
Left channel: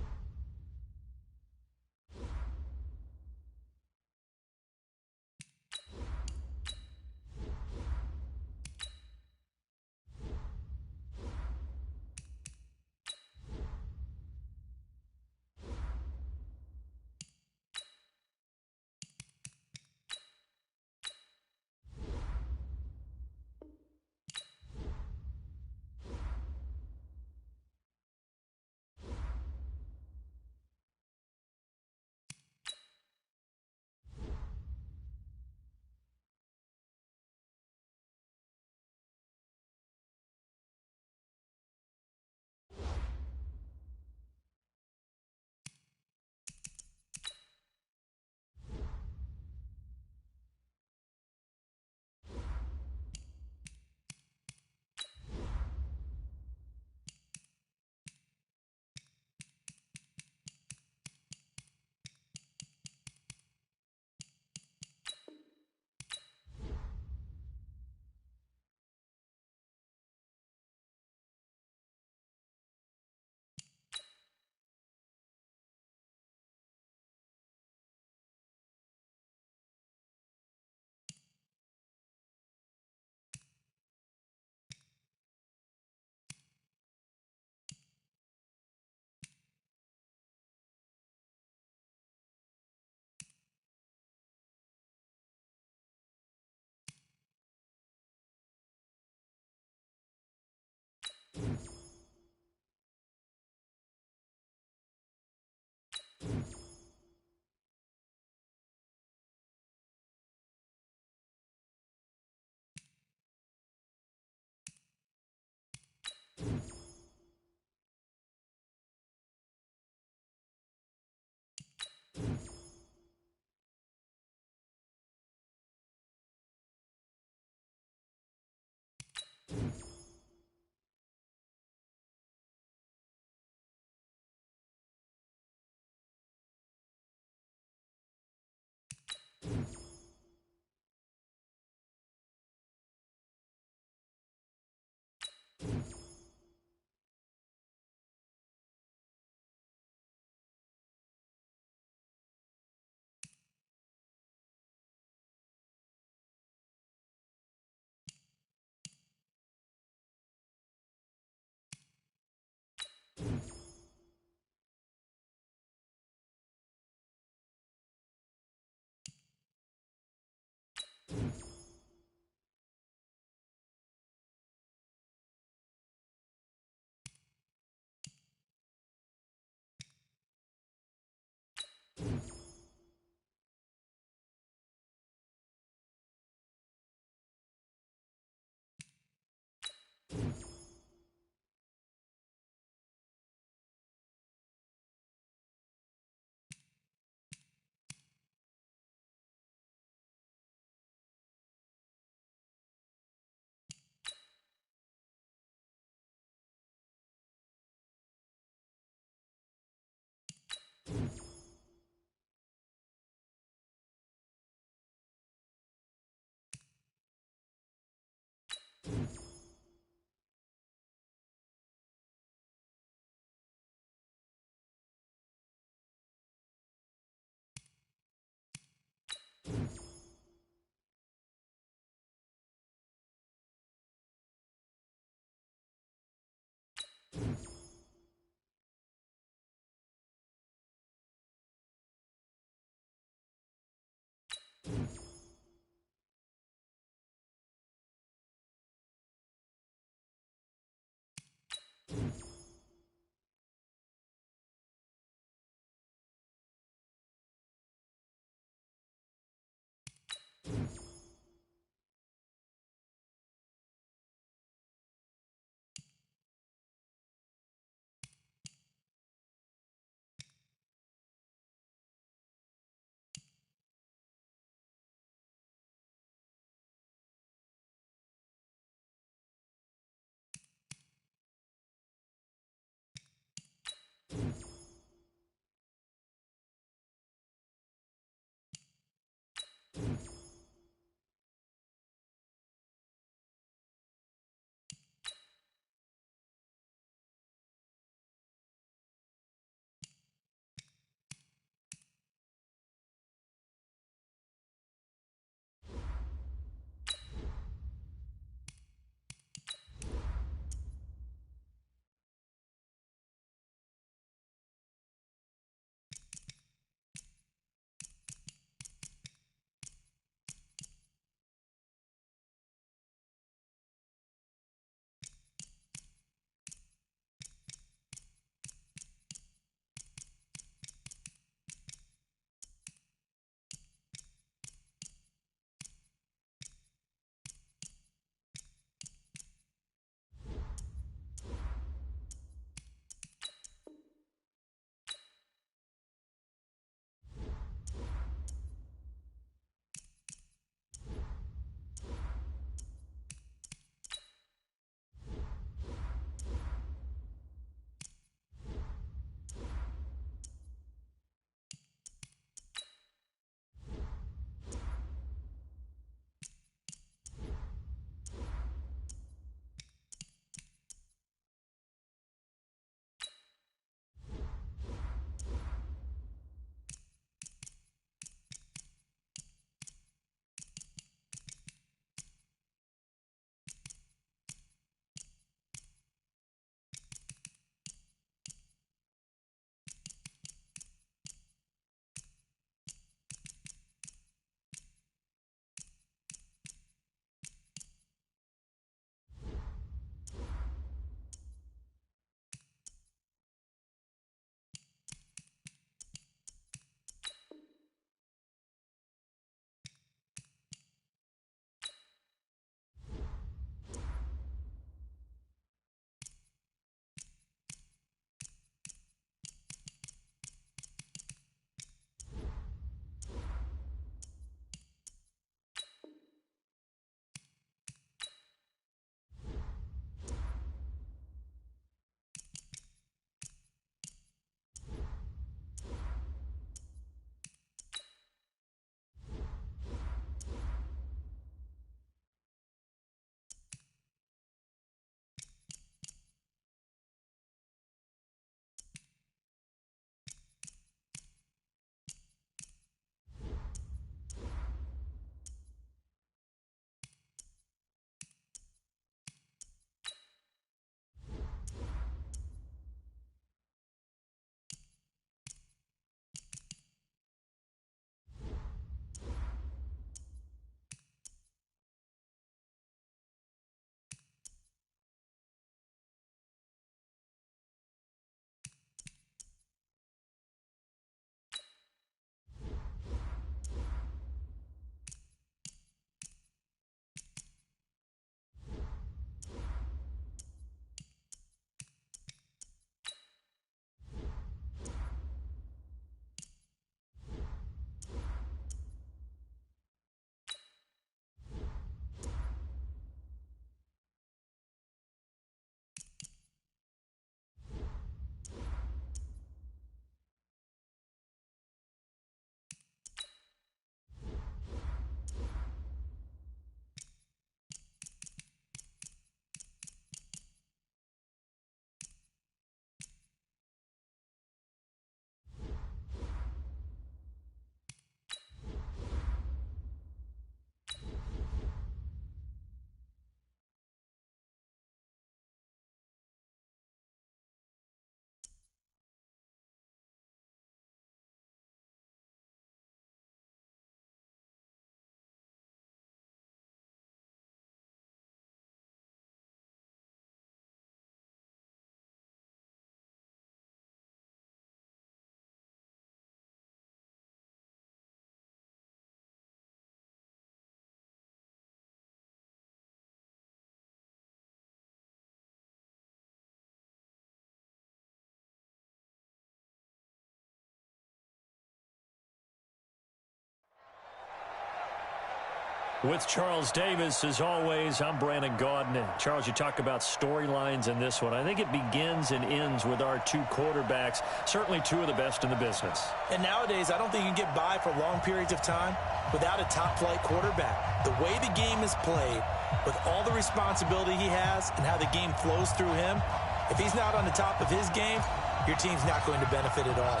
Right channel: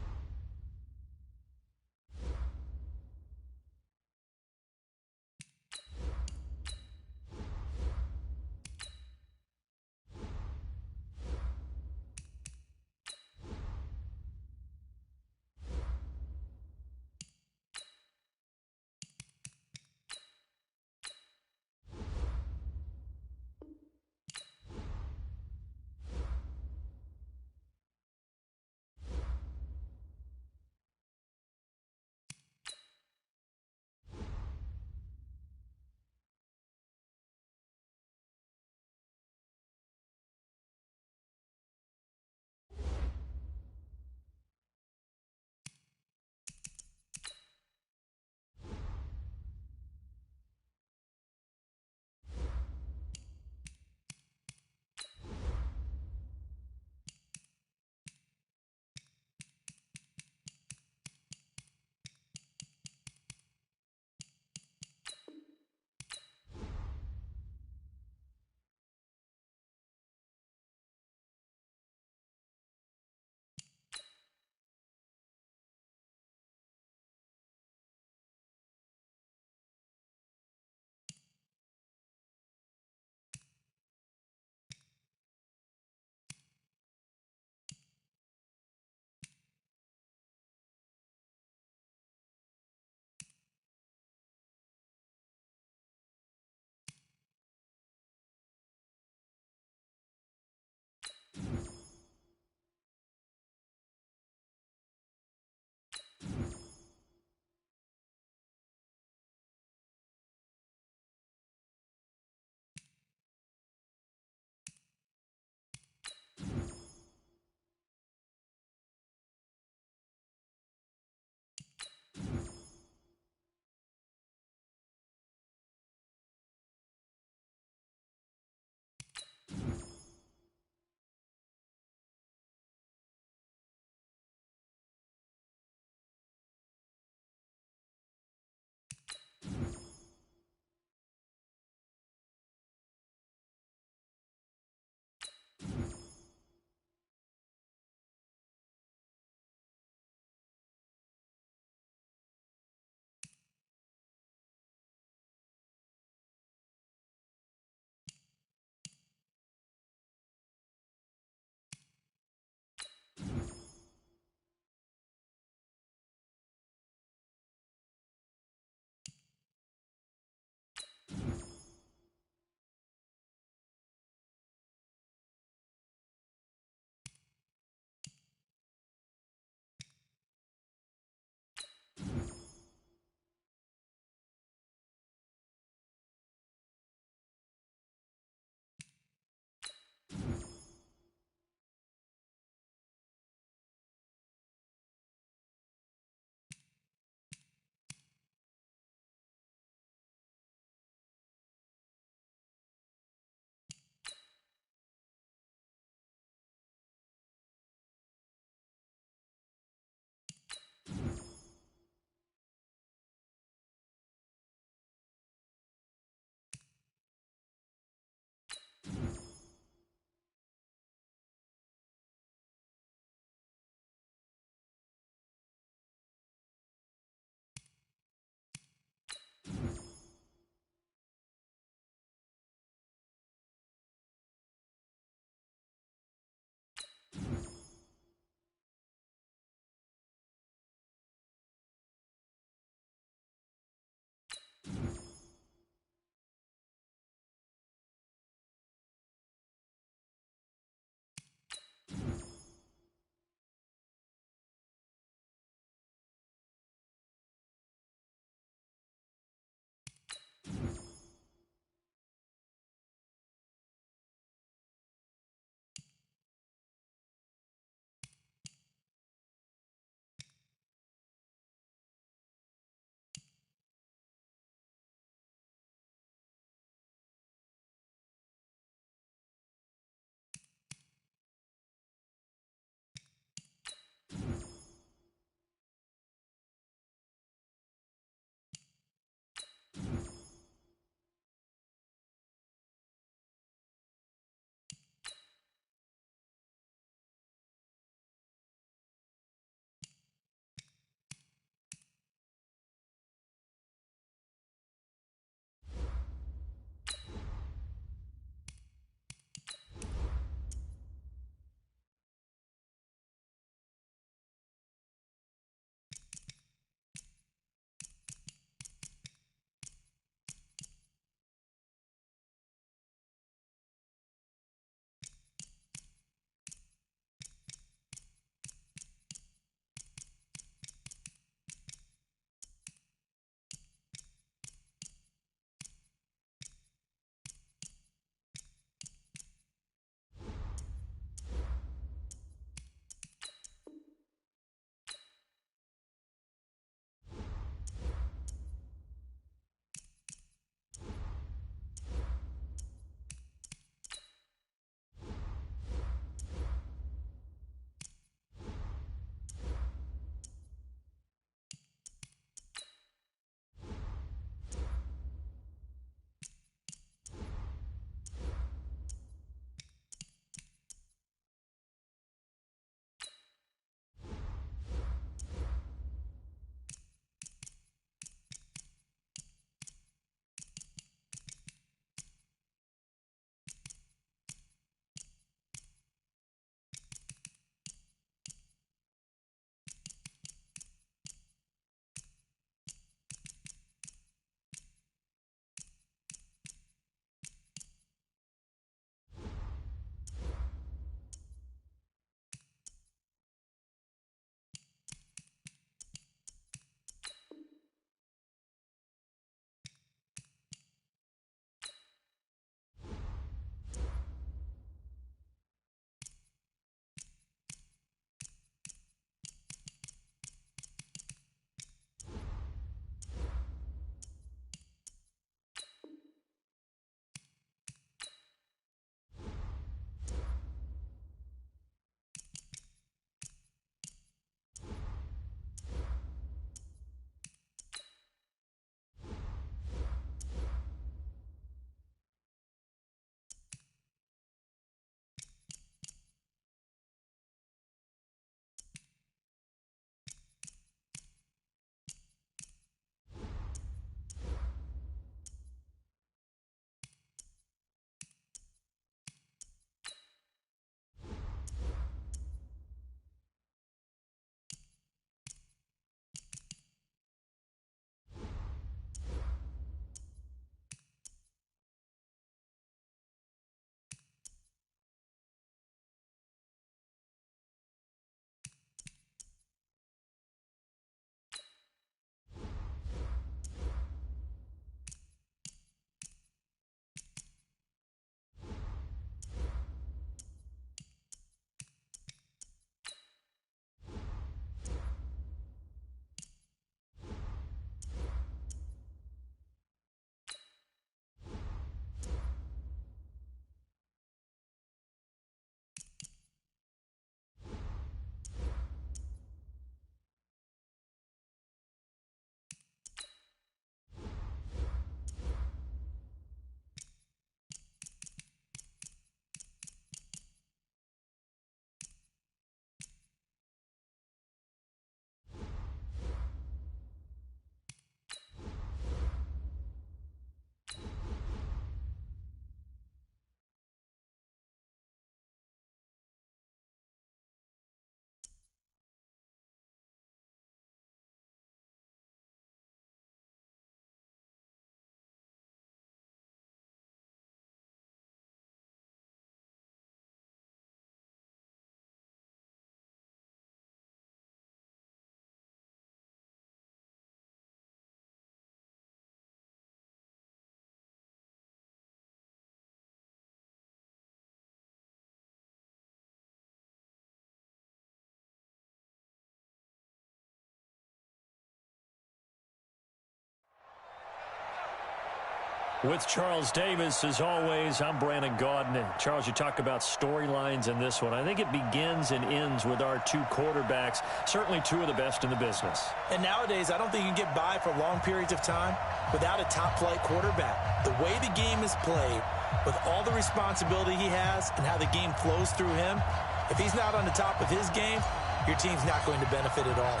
With Charles Davis, as always, I'm Brandon Gaudin. Charles, you talk about storylines in this one. I think it begins and ends with our two quarterbacks, certainly two of the best in the business. And nowadays, I don't think you can get by for long periods of time without a top-flight quarterback. The way the game is played, with all the responsibility he has and how the game flows through him, if he's not on the top of his game, your team's not going to benefit at all.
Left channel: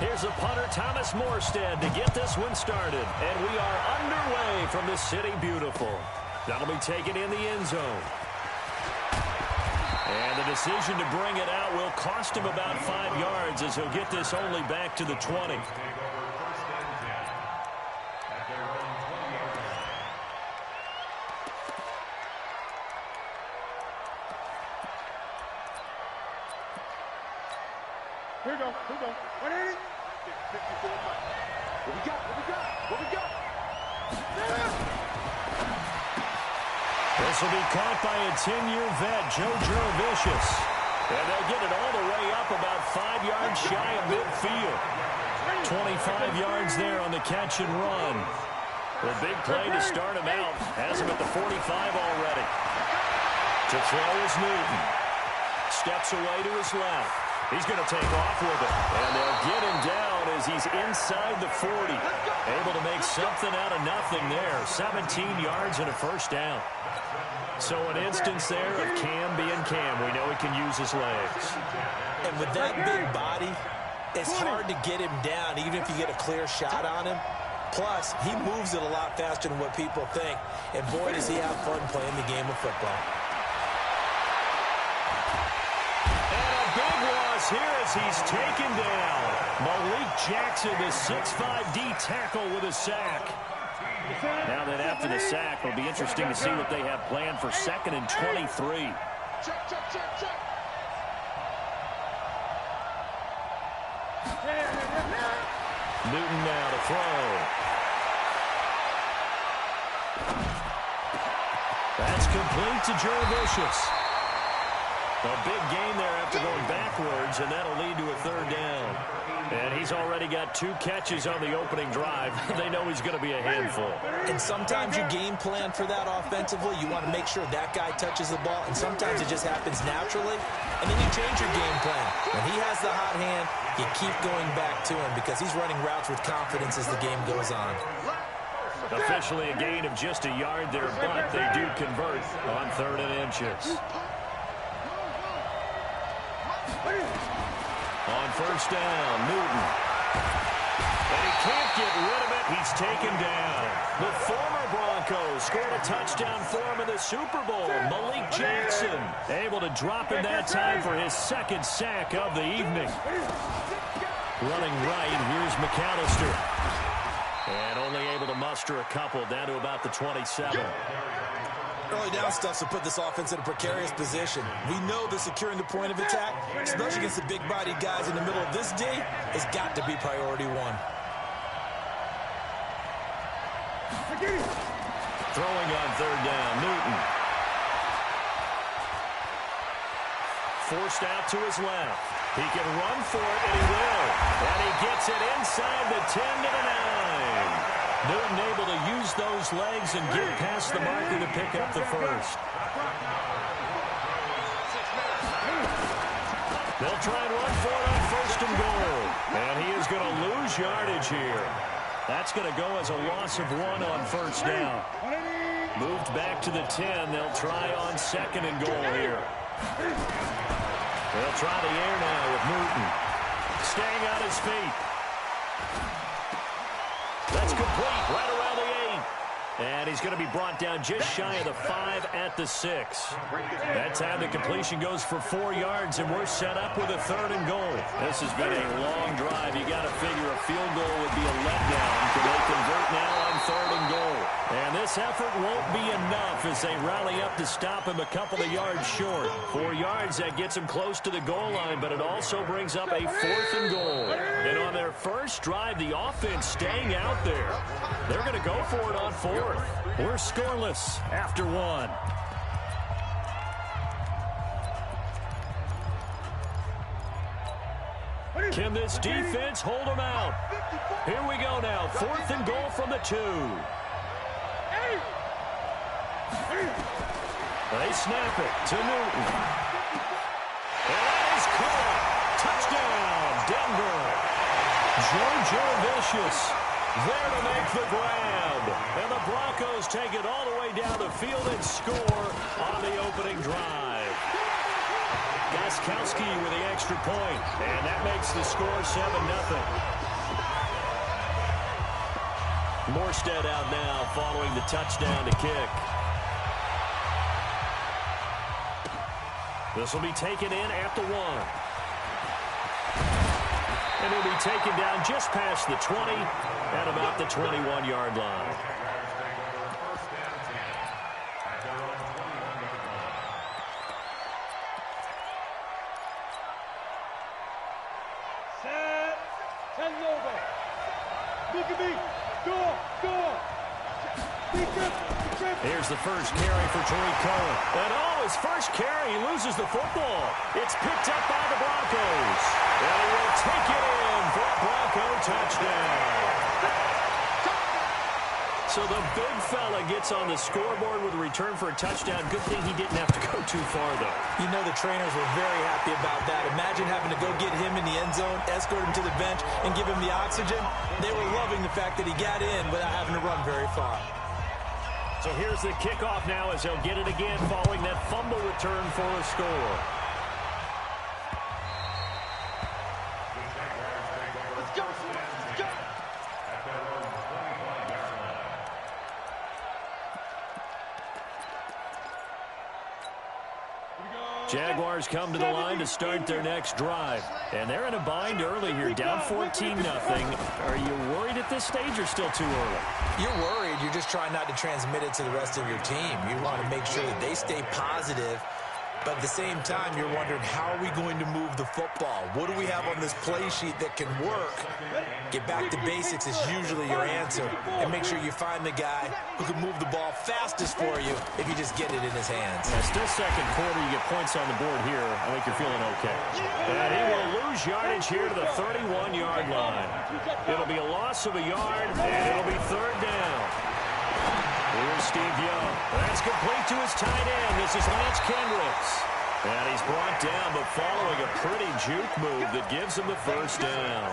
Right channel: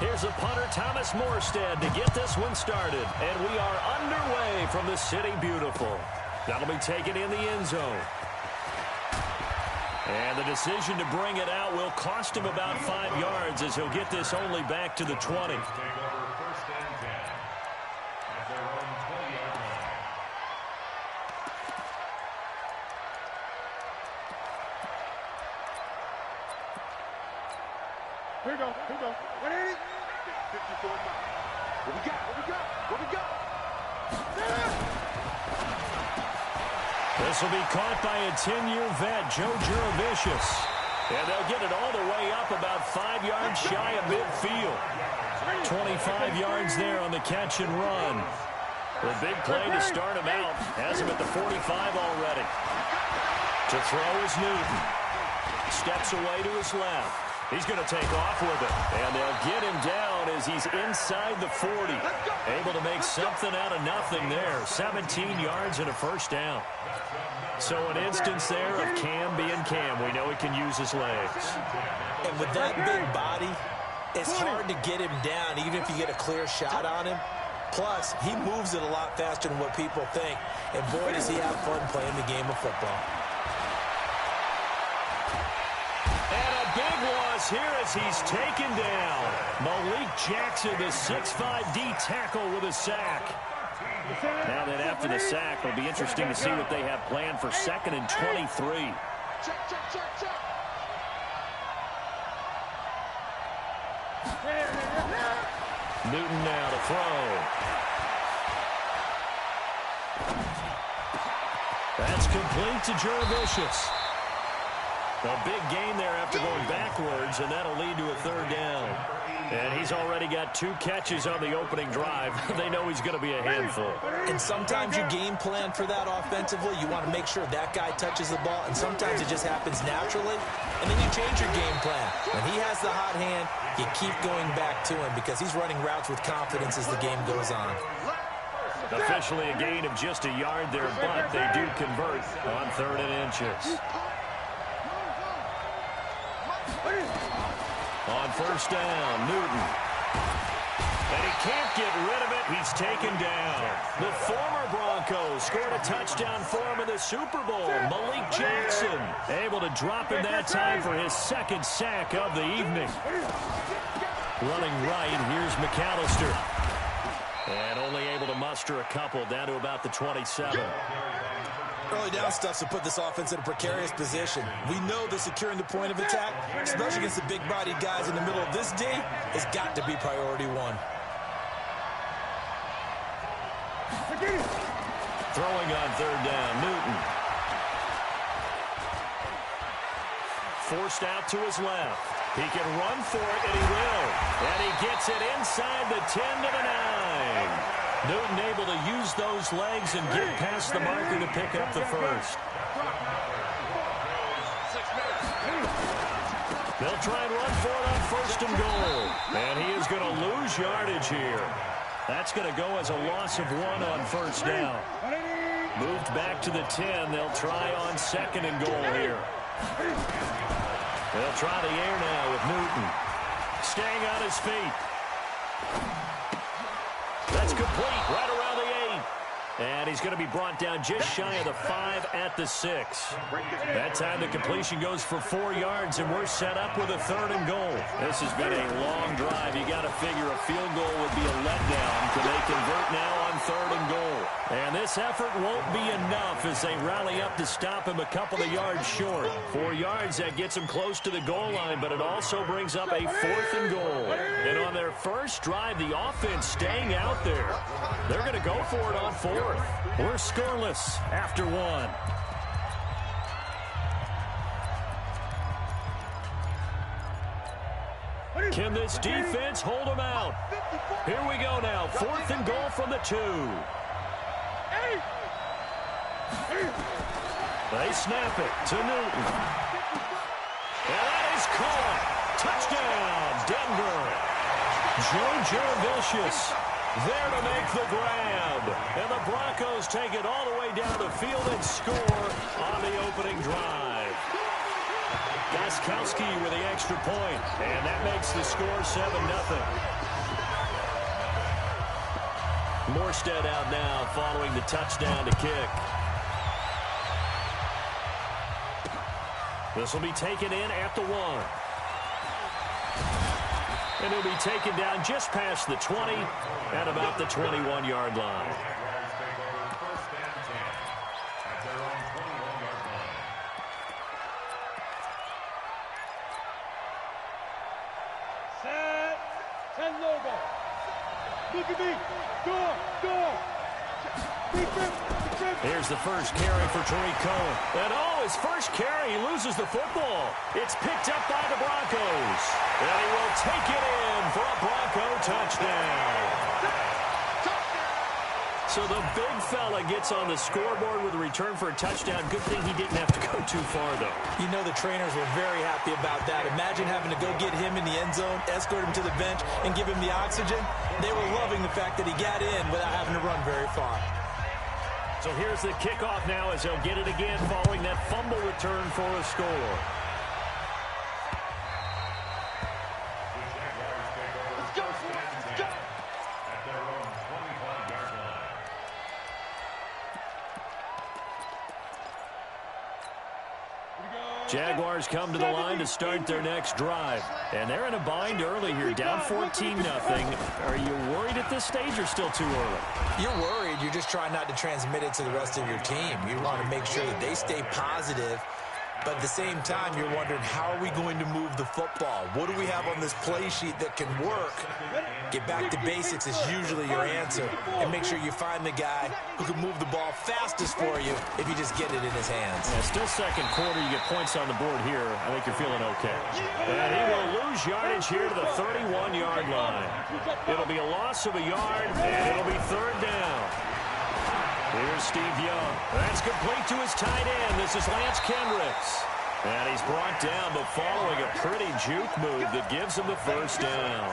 Here's the punter, Thomas Morstead, to get this one started. And we are underway from the City Beautiful. That'll be taken in the end zone. And the decision to bring it out will cost him about 5 yards as he'll get this only back to the 20. Here we go. 180. 54 miles. What we got? This will be caught by a 10-year vet, Joe Juravicius. And they'll get it all the way up about 5 yards shy of midfield. 25 yards there on the catch and run. The big play to start him out. Has him at the 45 already. To throw is Newton. Steps away to his left. He's going to take off with it. And they'll get him down as he's inside the 40. Able to make something out of nothing there. 17 yards and a first down. So an instance there of Cam being Cam. We know he can use his legs. And with that big body, it's hard to get him down, even if you get a clear shot on him. Plus, he moves it a lot faster than what people think. And boy, does he have fun playing the game of football. Big loss here as he's taken down. Malik Jackson, the 6'5" D tackle with a sack. Now that after the sack, it'll be interesting to see what they have planned for 2nd and 23. Check. Newton now to throw. That's complete to Juravicius. A big gain there after going backwards, and that'll lead to a 3rd down. And he's already got 2 catches on the opening drive. They know he's going to be a handful. And sometimes you game plan for that offensively. You want to make sure that guy touches the ball, and sometimes it just happens naturally. And then you change your game plan. When he has the hot hand, you keep going back to him because he's running routes with confidence as the game goes on. Officially a gain of just a yard there, but they do convert on 3rd and inches. On 1st down, Newton. And he can't get rid of it. He's taken down. The former Broncos scored a touchdown for him in the Super Bowl. Malik Jackson able to drop him that time for his 2nd sack of the evening. Running right, here's McAllister. And only able to muster a couple down to about the 27. Early down stuff to put this offense in a precarious position. We know that securing the point of attack, especially against the big-bodied guys in the middle of this D, has got to be priority 1. Throwing on 3rd down, Newton. Forced out to his left. He can run for it, and he will. And he gets it inside the 10 to the 9. Newton able to use those legs and get past the marker to pick up the 1st. They'll try and run for it on 1st and goal. And he is going to lose yardage here. That's going to go as a loss of 1 on 1st down. Moved back to the 10. They'll try on 2nd and goal here. They'll try the air now with Newton. Staying on his feet. That's complete right around the 8. And he's going to be brought down just shy of the 5 at the 6. That time the completion goes for 4 yards, and we're set up with a 3rd and goal. This has been a long drive. You got to figure a field goal would be a letdown. Can they convert now on 3rd and goal? And this effort won't be enough as they rally up to stop him a couple of yards short. 4 yards, that gets him close to the goal line, but it also brings up a 4th and goal. And on their first drive, the offense staying out there. They're going to go for it on 4th. We're scoreless after 1. Can this defense hold them out? Here we go now. 4th and goal from the 2. They snap it to Newton. And that is caught. Touchdown, Denver. Joe Jurevicius there to make the grab. And the Broncos take it all the way down the field and score on the opening drive. Gostkowski with the extra point, and that makes the score 7-0. Morstead out now following the touchdown to kick. This will be taken in at the 1. And he'll be taken down just past the 20 at about the 21-yard line. Set. 10 logo. Look at me. Door. Here's the first carry for Tariq Cohen. And his first carry, he loses the football. It's picked up by the Broncos. And he will take it in for a Bronco touchdown. So the big fella gets on the scoreboard with a return for a touchdown. Good thing he didn't have to go too far, though. You know the trainers were very happy about that. Imagine having to go get him in the end zone, escort him to the bench, and give him the oxygen. They were loving the fact that he got in without having to run very far. So here's the kickoff now as they'll get it again following that fumble return for a score. Let's go. At their own 25-yard line. Jaguars come to the line to start their next drive. And they're in a bind early here, down 14-0. Are you worried at this stage or still too early? You're worried. You're just trying not to transmit it to the rest of your team. You want to make sure that they stay positive. But at the same time, you're wondering, how are we going to move the football? What do we have on this play sheet that can work? Get back to basics is usually your answer. And make sure you find the guy who can move the ball fastest for you if you just get it in his hands. Yeah, still second quarter. You get points on the board here. I think you're feeling okay. And he will lose yardage here to the 31-yard line. It'll be a loss of a yard, and it'll be third down. Here's Steve Young. That's complete to his tight end. This is Lance Kendricks. And he's brought down, but following a pretty juke move that gives him the first down.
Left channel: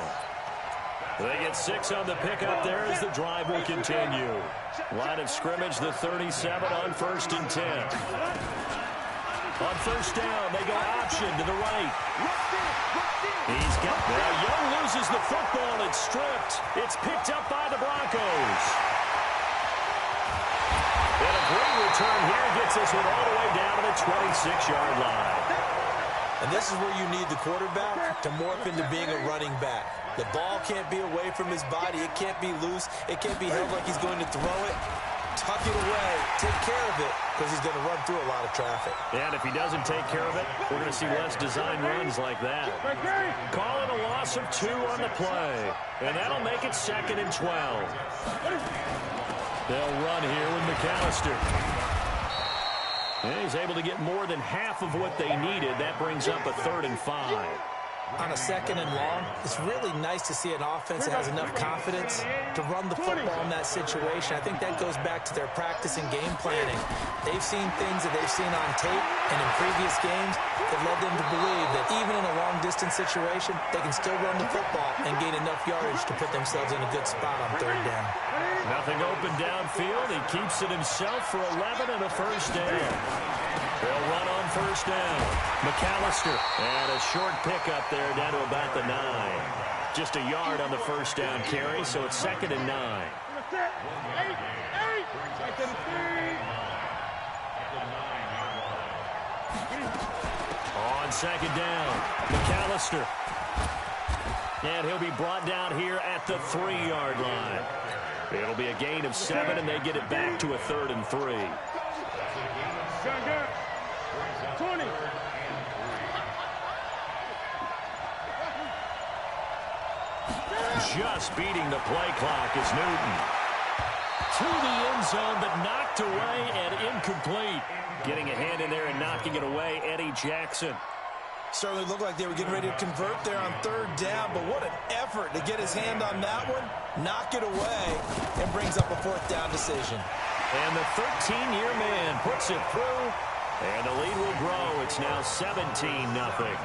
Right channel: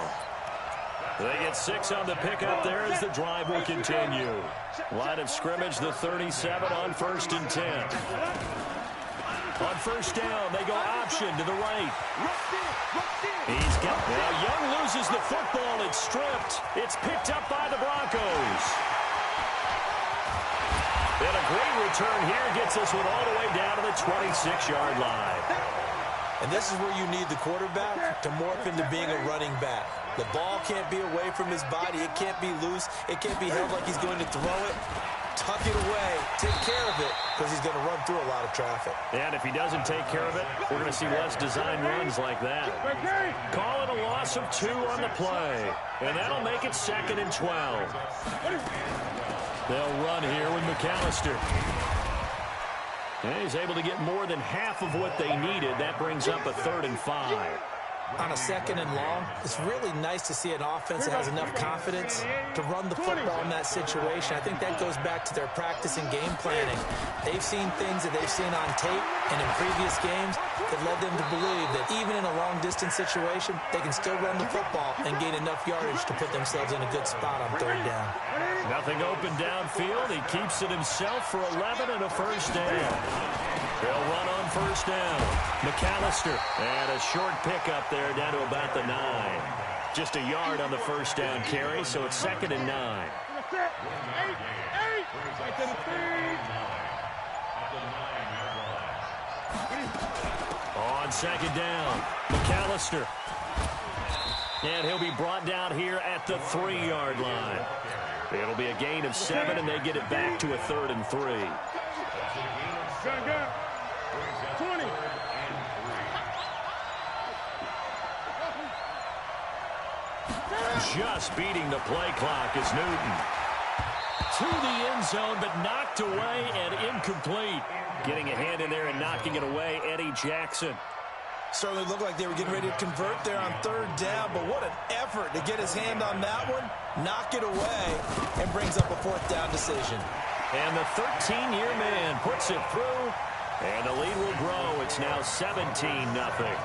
They get 6 on the pickup there as the drive will continue. Line of scrimmage, the 37 on 1st and 10. On first down, they go option to the right. He's got... Now Young loses the football. It's stripped. It's picked up by the Broncos. And a great return here gets this one all the way down to the 26-yard line. And this is where you need the quarterback to morph into being a running back. The ball can't be away from his body. It can't be loose. It can't be held like he's going to throw it. Tuck it away. Take care of it, because he's going to run through a lot of traffic. And if he doesn't take care of it, we're going to see less design runs like that. Call it a loss of 2 on the play. And that'll make it 2nd and 12. They'll run here with McAllister. And he's able to get more than half of what they needed. That brings up a 3rd and 5. On a 2nd and long, it's really nice to see an offense that has enough confidence to run the football in that situation. I think that goes back to their practice and game planning. They've seen things that they've seen on tape and in previous games that led them to believe that even in a long-distance situation, they can still run the football and gain enough yardage to put themselves in a good spot on 3rd down. Nothing open downfield. He keeps it himself for 11 and a first down. They'll run on 1st down. McAllister. And a short pickup there down to about the 9. Just a yard on the 1st down carry, so it's 2nd and 9. On 2nd down, McAllister. And he'll be brought down here at the 3-yard line. It'll be a gain of 7, and they get it back to a 3rd and 3. 20. Just beating the play clock is Newton. To the end zone, but knocked away and incomplete. Getting a hand in there and knocking it away, Eddie Jackson. Certainly looked like they were getting ready to convert there on 3rd down, but what an effort to get his hand on that one, knock it away, and brings up a 4th down decision. And the 13-year man puts it through, and the lead will grow. It's now 17-0.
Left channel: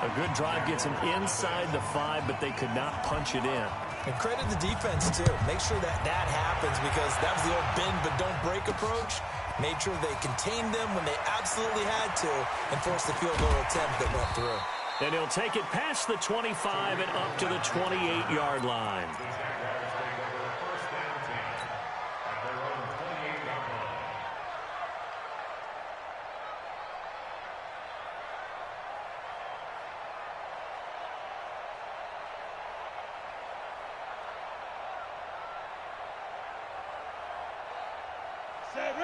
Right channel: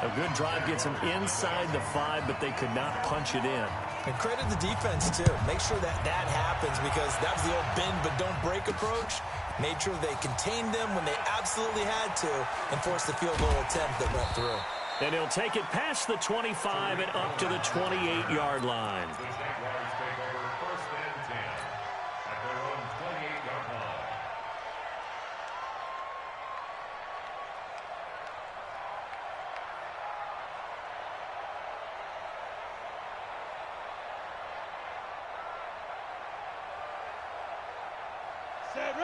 A good drive gets them inside the 5, but they could not punch it in. And credit the defense, too. Make sure that happens, because that was the old bend but don't break approach. Made sure they contained them when they absolutely had to and forced the field goal attempt that went through. And he'll take it past the 25 and up to the 28-yard line. The Jaguars take over 1st and 10 at their own 28-yard line.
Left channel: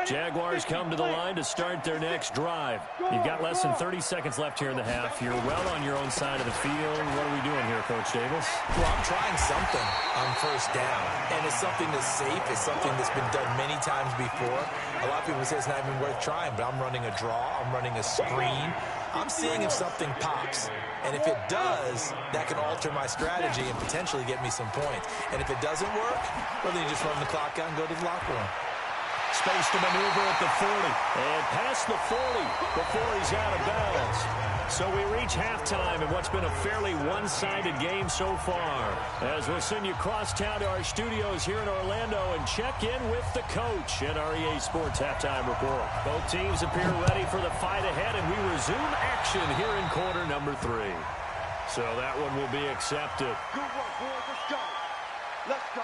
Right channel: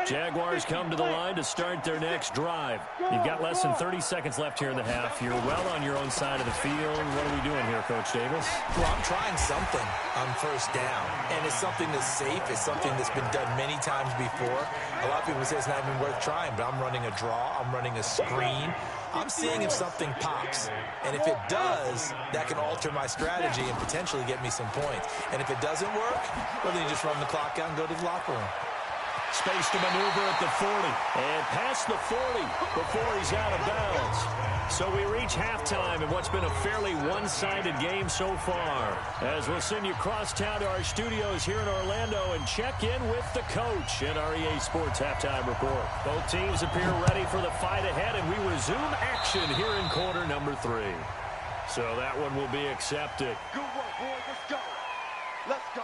Jaguars come to the line to start their next drive. You've got less than 30 seconds left here in the half. You're well on your own side of the field. What are we doing here, Coach Davis? Well, I'm trying something on 1st down, and it's something that's safe. It's something that's been done many times before. A lot of people say it's not even worth trying, but I'm running a draw. I'm running a screen. I'm seeing if something pops, and if it does, that can alter my strategy and potentially get me some points. And if it doesn't work, well, then you just run the clock out and go to the locker room. Space to maneuver at the 40. And past the 40 before he's out of bounds. So we reach halftime in what's been a fairly one-sided game so far. As we'll send you crosstown to our studios here in Orlando and check in with the coach at our EA Sports Halftime Report. Both teams appear ready for the fight ahead, and we resume action here in quarter number 3. So that one will be accepted. Good work, boys. Let's go. Let's go.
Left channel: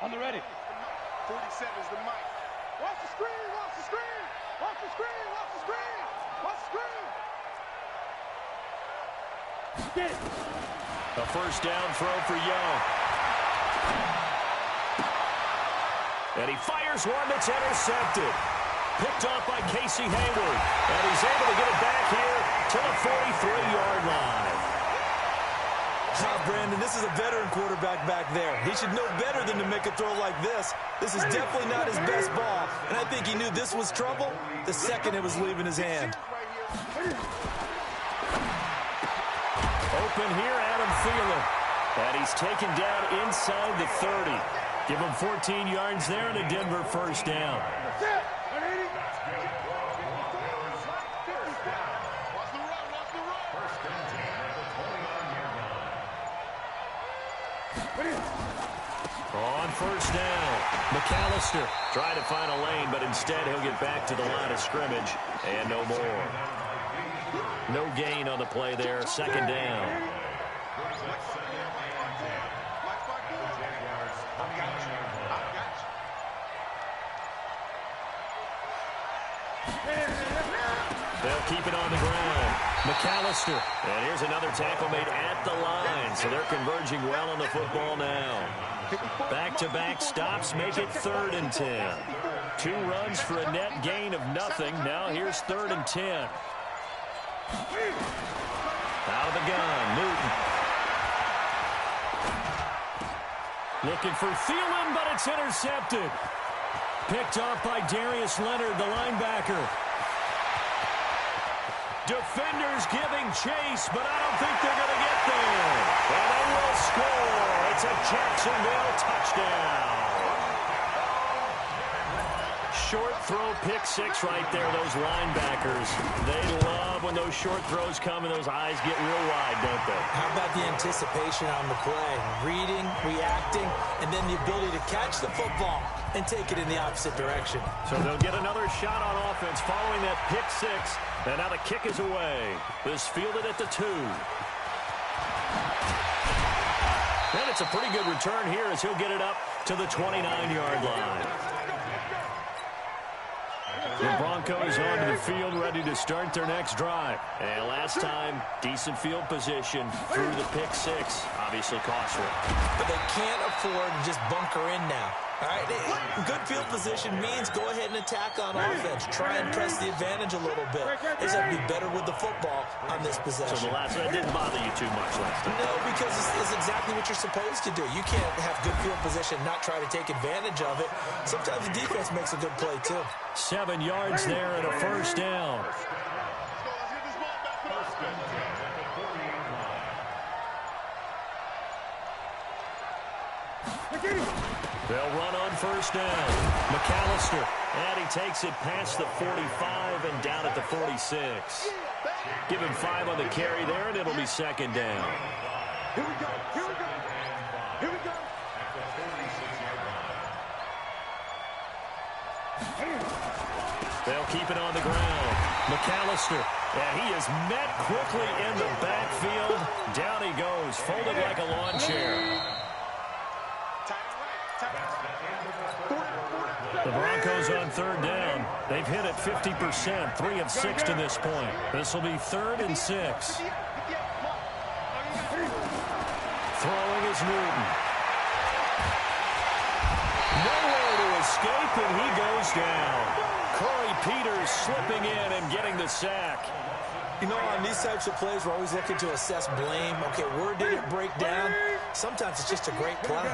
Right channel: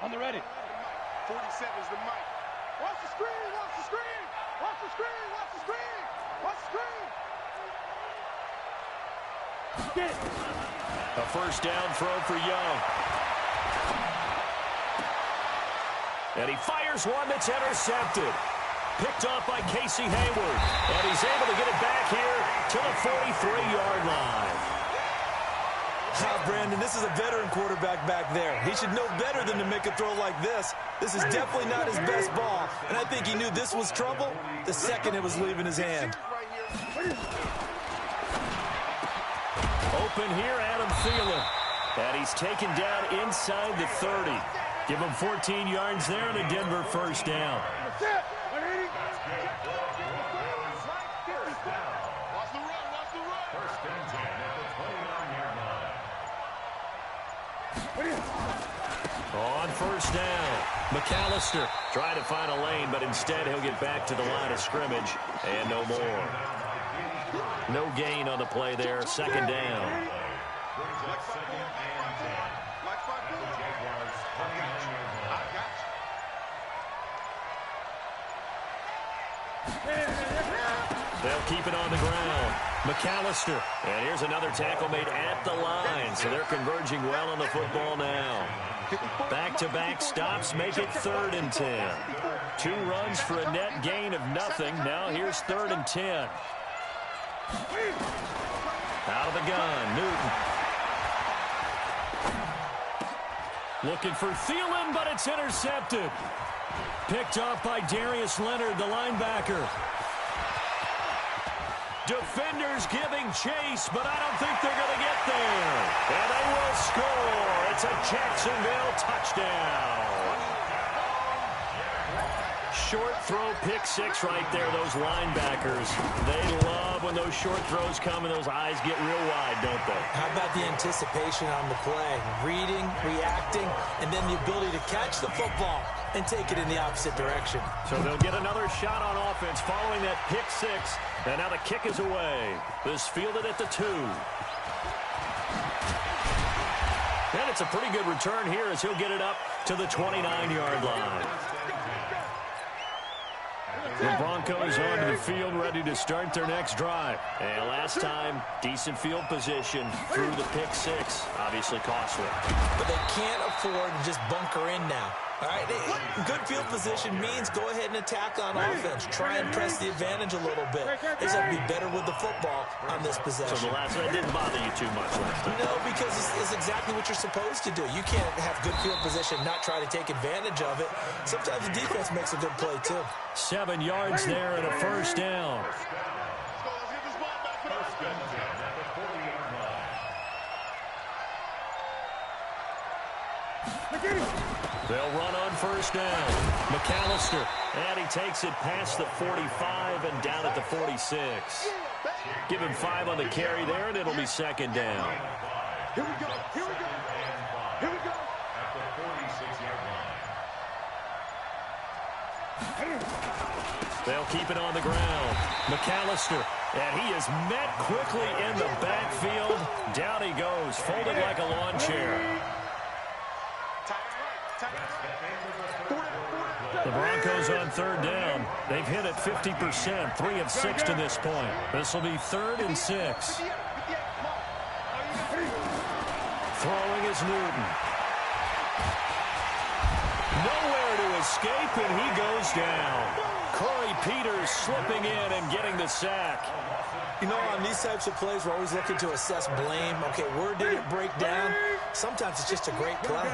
On the ready. 47's the mic. Watch the screen, watch the screen, watch the screen, watch the screen, watch the screen. Get it. A 1st down throw for Young. And he fires one that's intercepted. Picked off by Casey Hayward. And he's able to get it back here to the 43-yard line. Brandon, this is a veteran quarterback back there. He should know better than to make a throw like this. This is definitely not his best ball, and I think he knew this was trouble the second it was leaving his hand. Open here, Adam Thielen. And he's taken down inside the 30. Give him 14 yards there and a Denver 1st down. That's it. 180. Watch the run, watch the run. 1st and 10 at the 29-yard line. On 1st down, McAllister trying to find a lane, but instead he'll get back to the line of scrimmage, and no more. No gain on the play there, 2nd down. Brings up 2nd and 10. Mike 5-4. The Jaguars 29-yard line. I got you. They'll keep it on the ground. McAllister. And here's another tackle made at the line, so they're converging well on the football now. Back-to-back stops make it 3rd and 10. 2 runs for a net gain of nothing. Now here's 3rd and 10. Out of the gun, Newton. Looking for Thielen, but it's intercepted. Picked off by Darius Leonard, the linebacker. Defenders giving chase, but I don't think they're going to get there. And they will score. It's a Jacksonville touchdown. Short throw, pick 6 right there. Those linebackers, they love when those short throws come and those eyes get real wide, don't they? How about the anticipation on the play? Reading, reacting, and then the ability to catch the football and take it in the opposite direction. So they'll get another shot on offense following that pick 6. And now the kick is away. This fielded at the 2. And it's a pretty good return here as he'll get it up to the 29-yard line. The Broncos onto the field, ready to start their next drive. And last time, decent field position through the pick 6. Obviously costly. But they can't afford to just bunker in now. All right, good field position means go ahead and attack on offense. Try and press the advantage a little bit. They just have to be better with the football on this possession. So the last one didn't bother you too much last time? No, because it's exactly what you're supposed to do. You can't have good field position, not try to take advantage of it. Sometimes the defense makes a good play, too. 7 yards there and a first down. Let's get this ball back for us. At the 40-yard line. They'll run on first down. McAllister, and he takes it past the 45 and down at the 46. Give him 5 on the carry there, and it'll be second down. Here we go. Here we go. Here we go. At the 46-yard line. They'll keep it on the ground. McAllister, and he is met quickly in the backfield. Down he goes, folded like a lawn chair. The Broncos on third down. They've hit it 50%, 3 of 6 to this point. This will be 3rd and 6. Throwing is Newton. Nowhere to escape, and he goes down. Corey Peters slipping in and getting the sack. You know, on these types of plays, we're always looking to assess blame. Okay, where did it break down? Sometimes it's just a great play.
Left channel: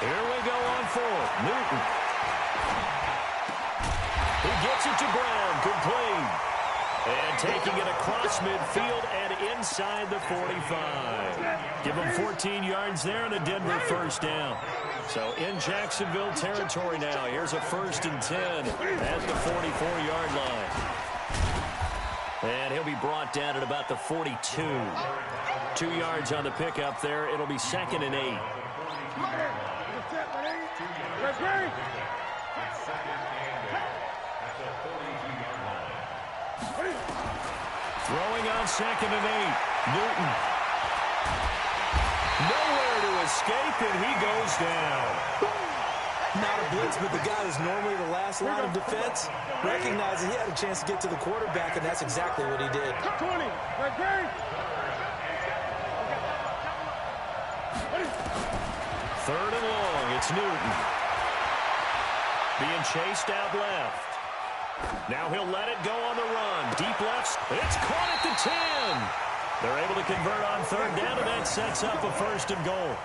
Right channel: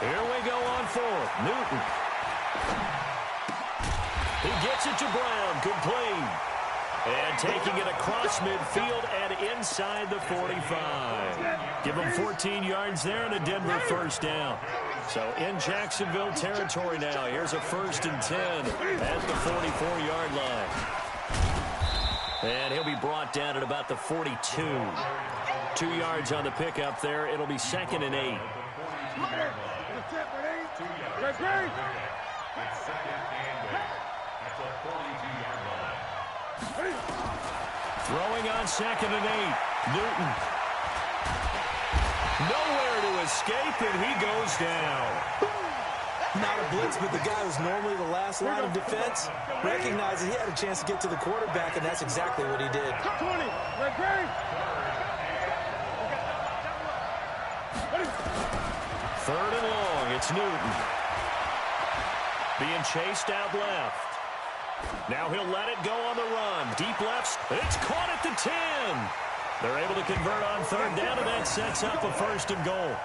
Here we go on 4th. Newton. He gets it to Brown, complete. And taking it across midfield and inside the 45. Give him 14 yards there and a Denver first down. So in Jacksonville territory now. Here's a 1st and 10 at the 44-yard line. And he'll be brought down at about the 42. 2 yards on the pickup there. It'll be 2nd and 8. Throwing on 2nd and 8. Newton. Nowhere to escape, and he goes down. Not a blitz, but the guy who's normally the last line of defense recognized that he had a chance to get to the quarterback, and that's exactly what he did. 20. Third and long, it's Newton. Being chased out left. Now he'll let it go on the run. Deep left, it's caught at the 10. They're able to convert on third down, and that sets up a 1st and goal.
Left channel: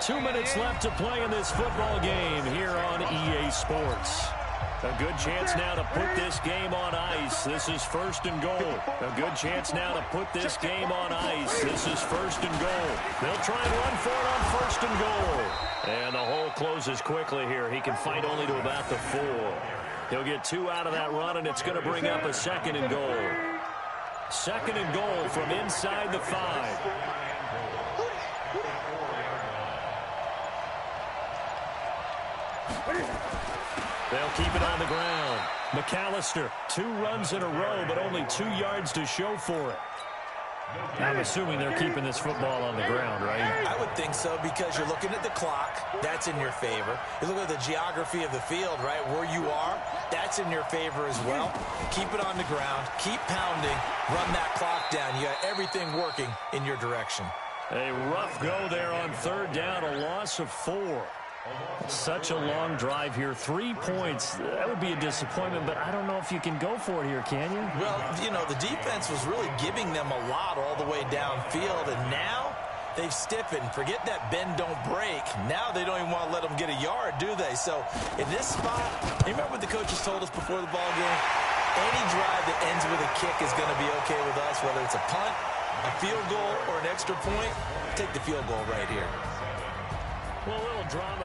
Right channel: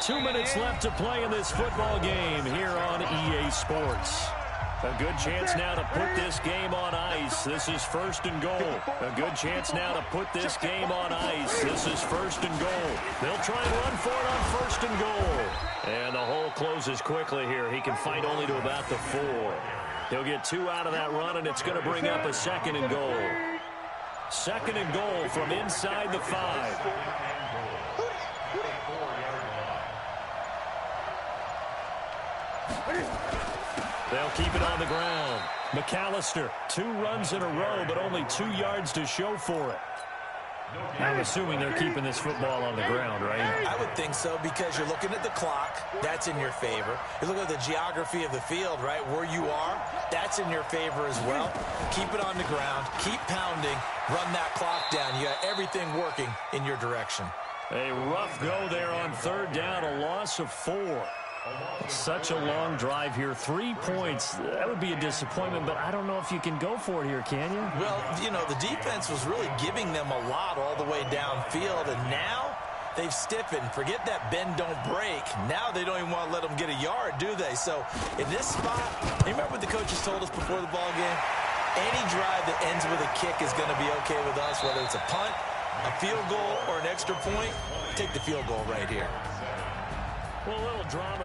2 minutes left to play in this football game here on EA Sports. A good chance now to put this game on ice. This is 1st and goal. A good chance now to put this game on ice. This is 1st and goal. They'll try and run for it on 1st and goal. And the hole closes quickly here. He can fight only to about the 4. He'll get 2 out of that run, and it's going to bring up a 2nd and goal. 2nd and goal from inside the 5. They'll keep it on the ground. McAllister, 2 runs in a row, but only 2 yards to show for it. I'm assuming they're keeping this football on the ground, right? I would think so, because you're looking at the clock. That's in your favor. You look at the geography of the field, right? Where you are, that's in your favor as well. Keep it on the ground. Keep pounding. Run that clock down. You got everything working in your direction. A rough go there on third down, a loss of 4. Such a long drive here. 3 points. That would be a disappointment, but I don't know if you can go for it here, can you? Well, you know, the defense was really giving them a lot all the way downfield, and now they've stiffened. Forget that bend, don't break. Now they don't even want to let them get a yard, do they? So in this spot, you remember what the coaches told us before the ball game? Any drive that ends with a kick is going to be okay with us, whether it's a punt, a field goal, or an extra point. Take the field goal right here. Well, a little drama.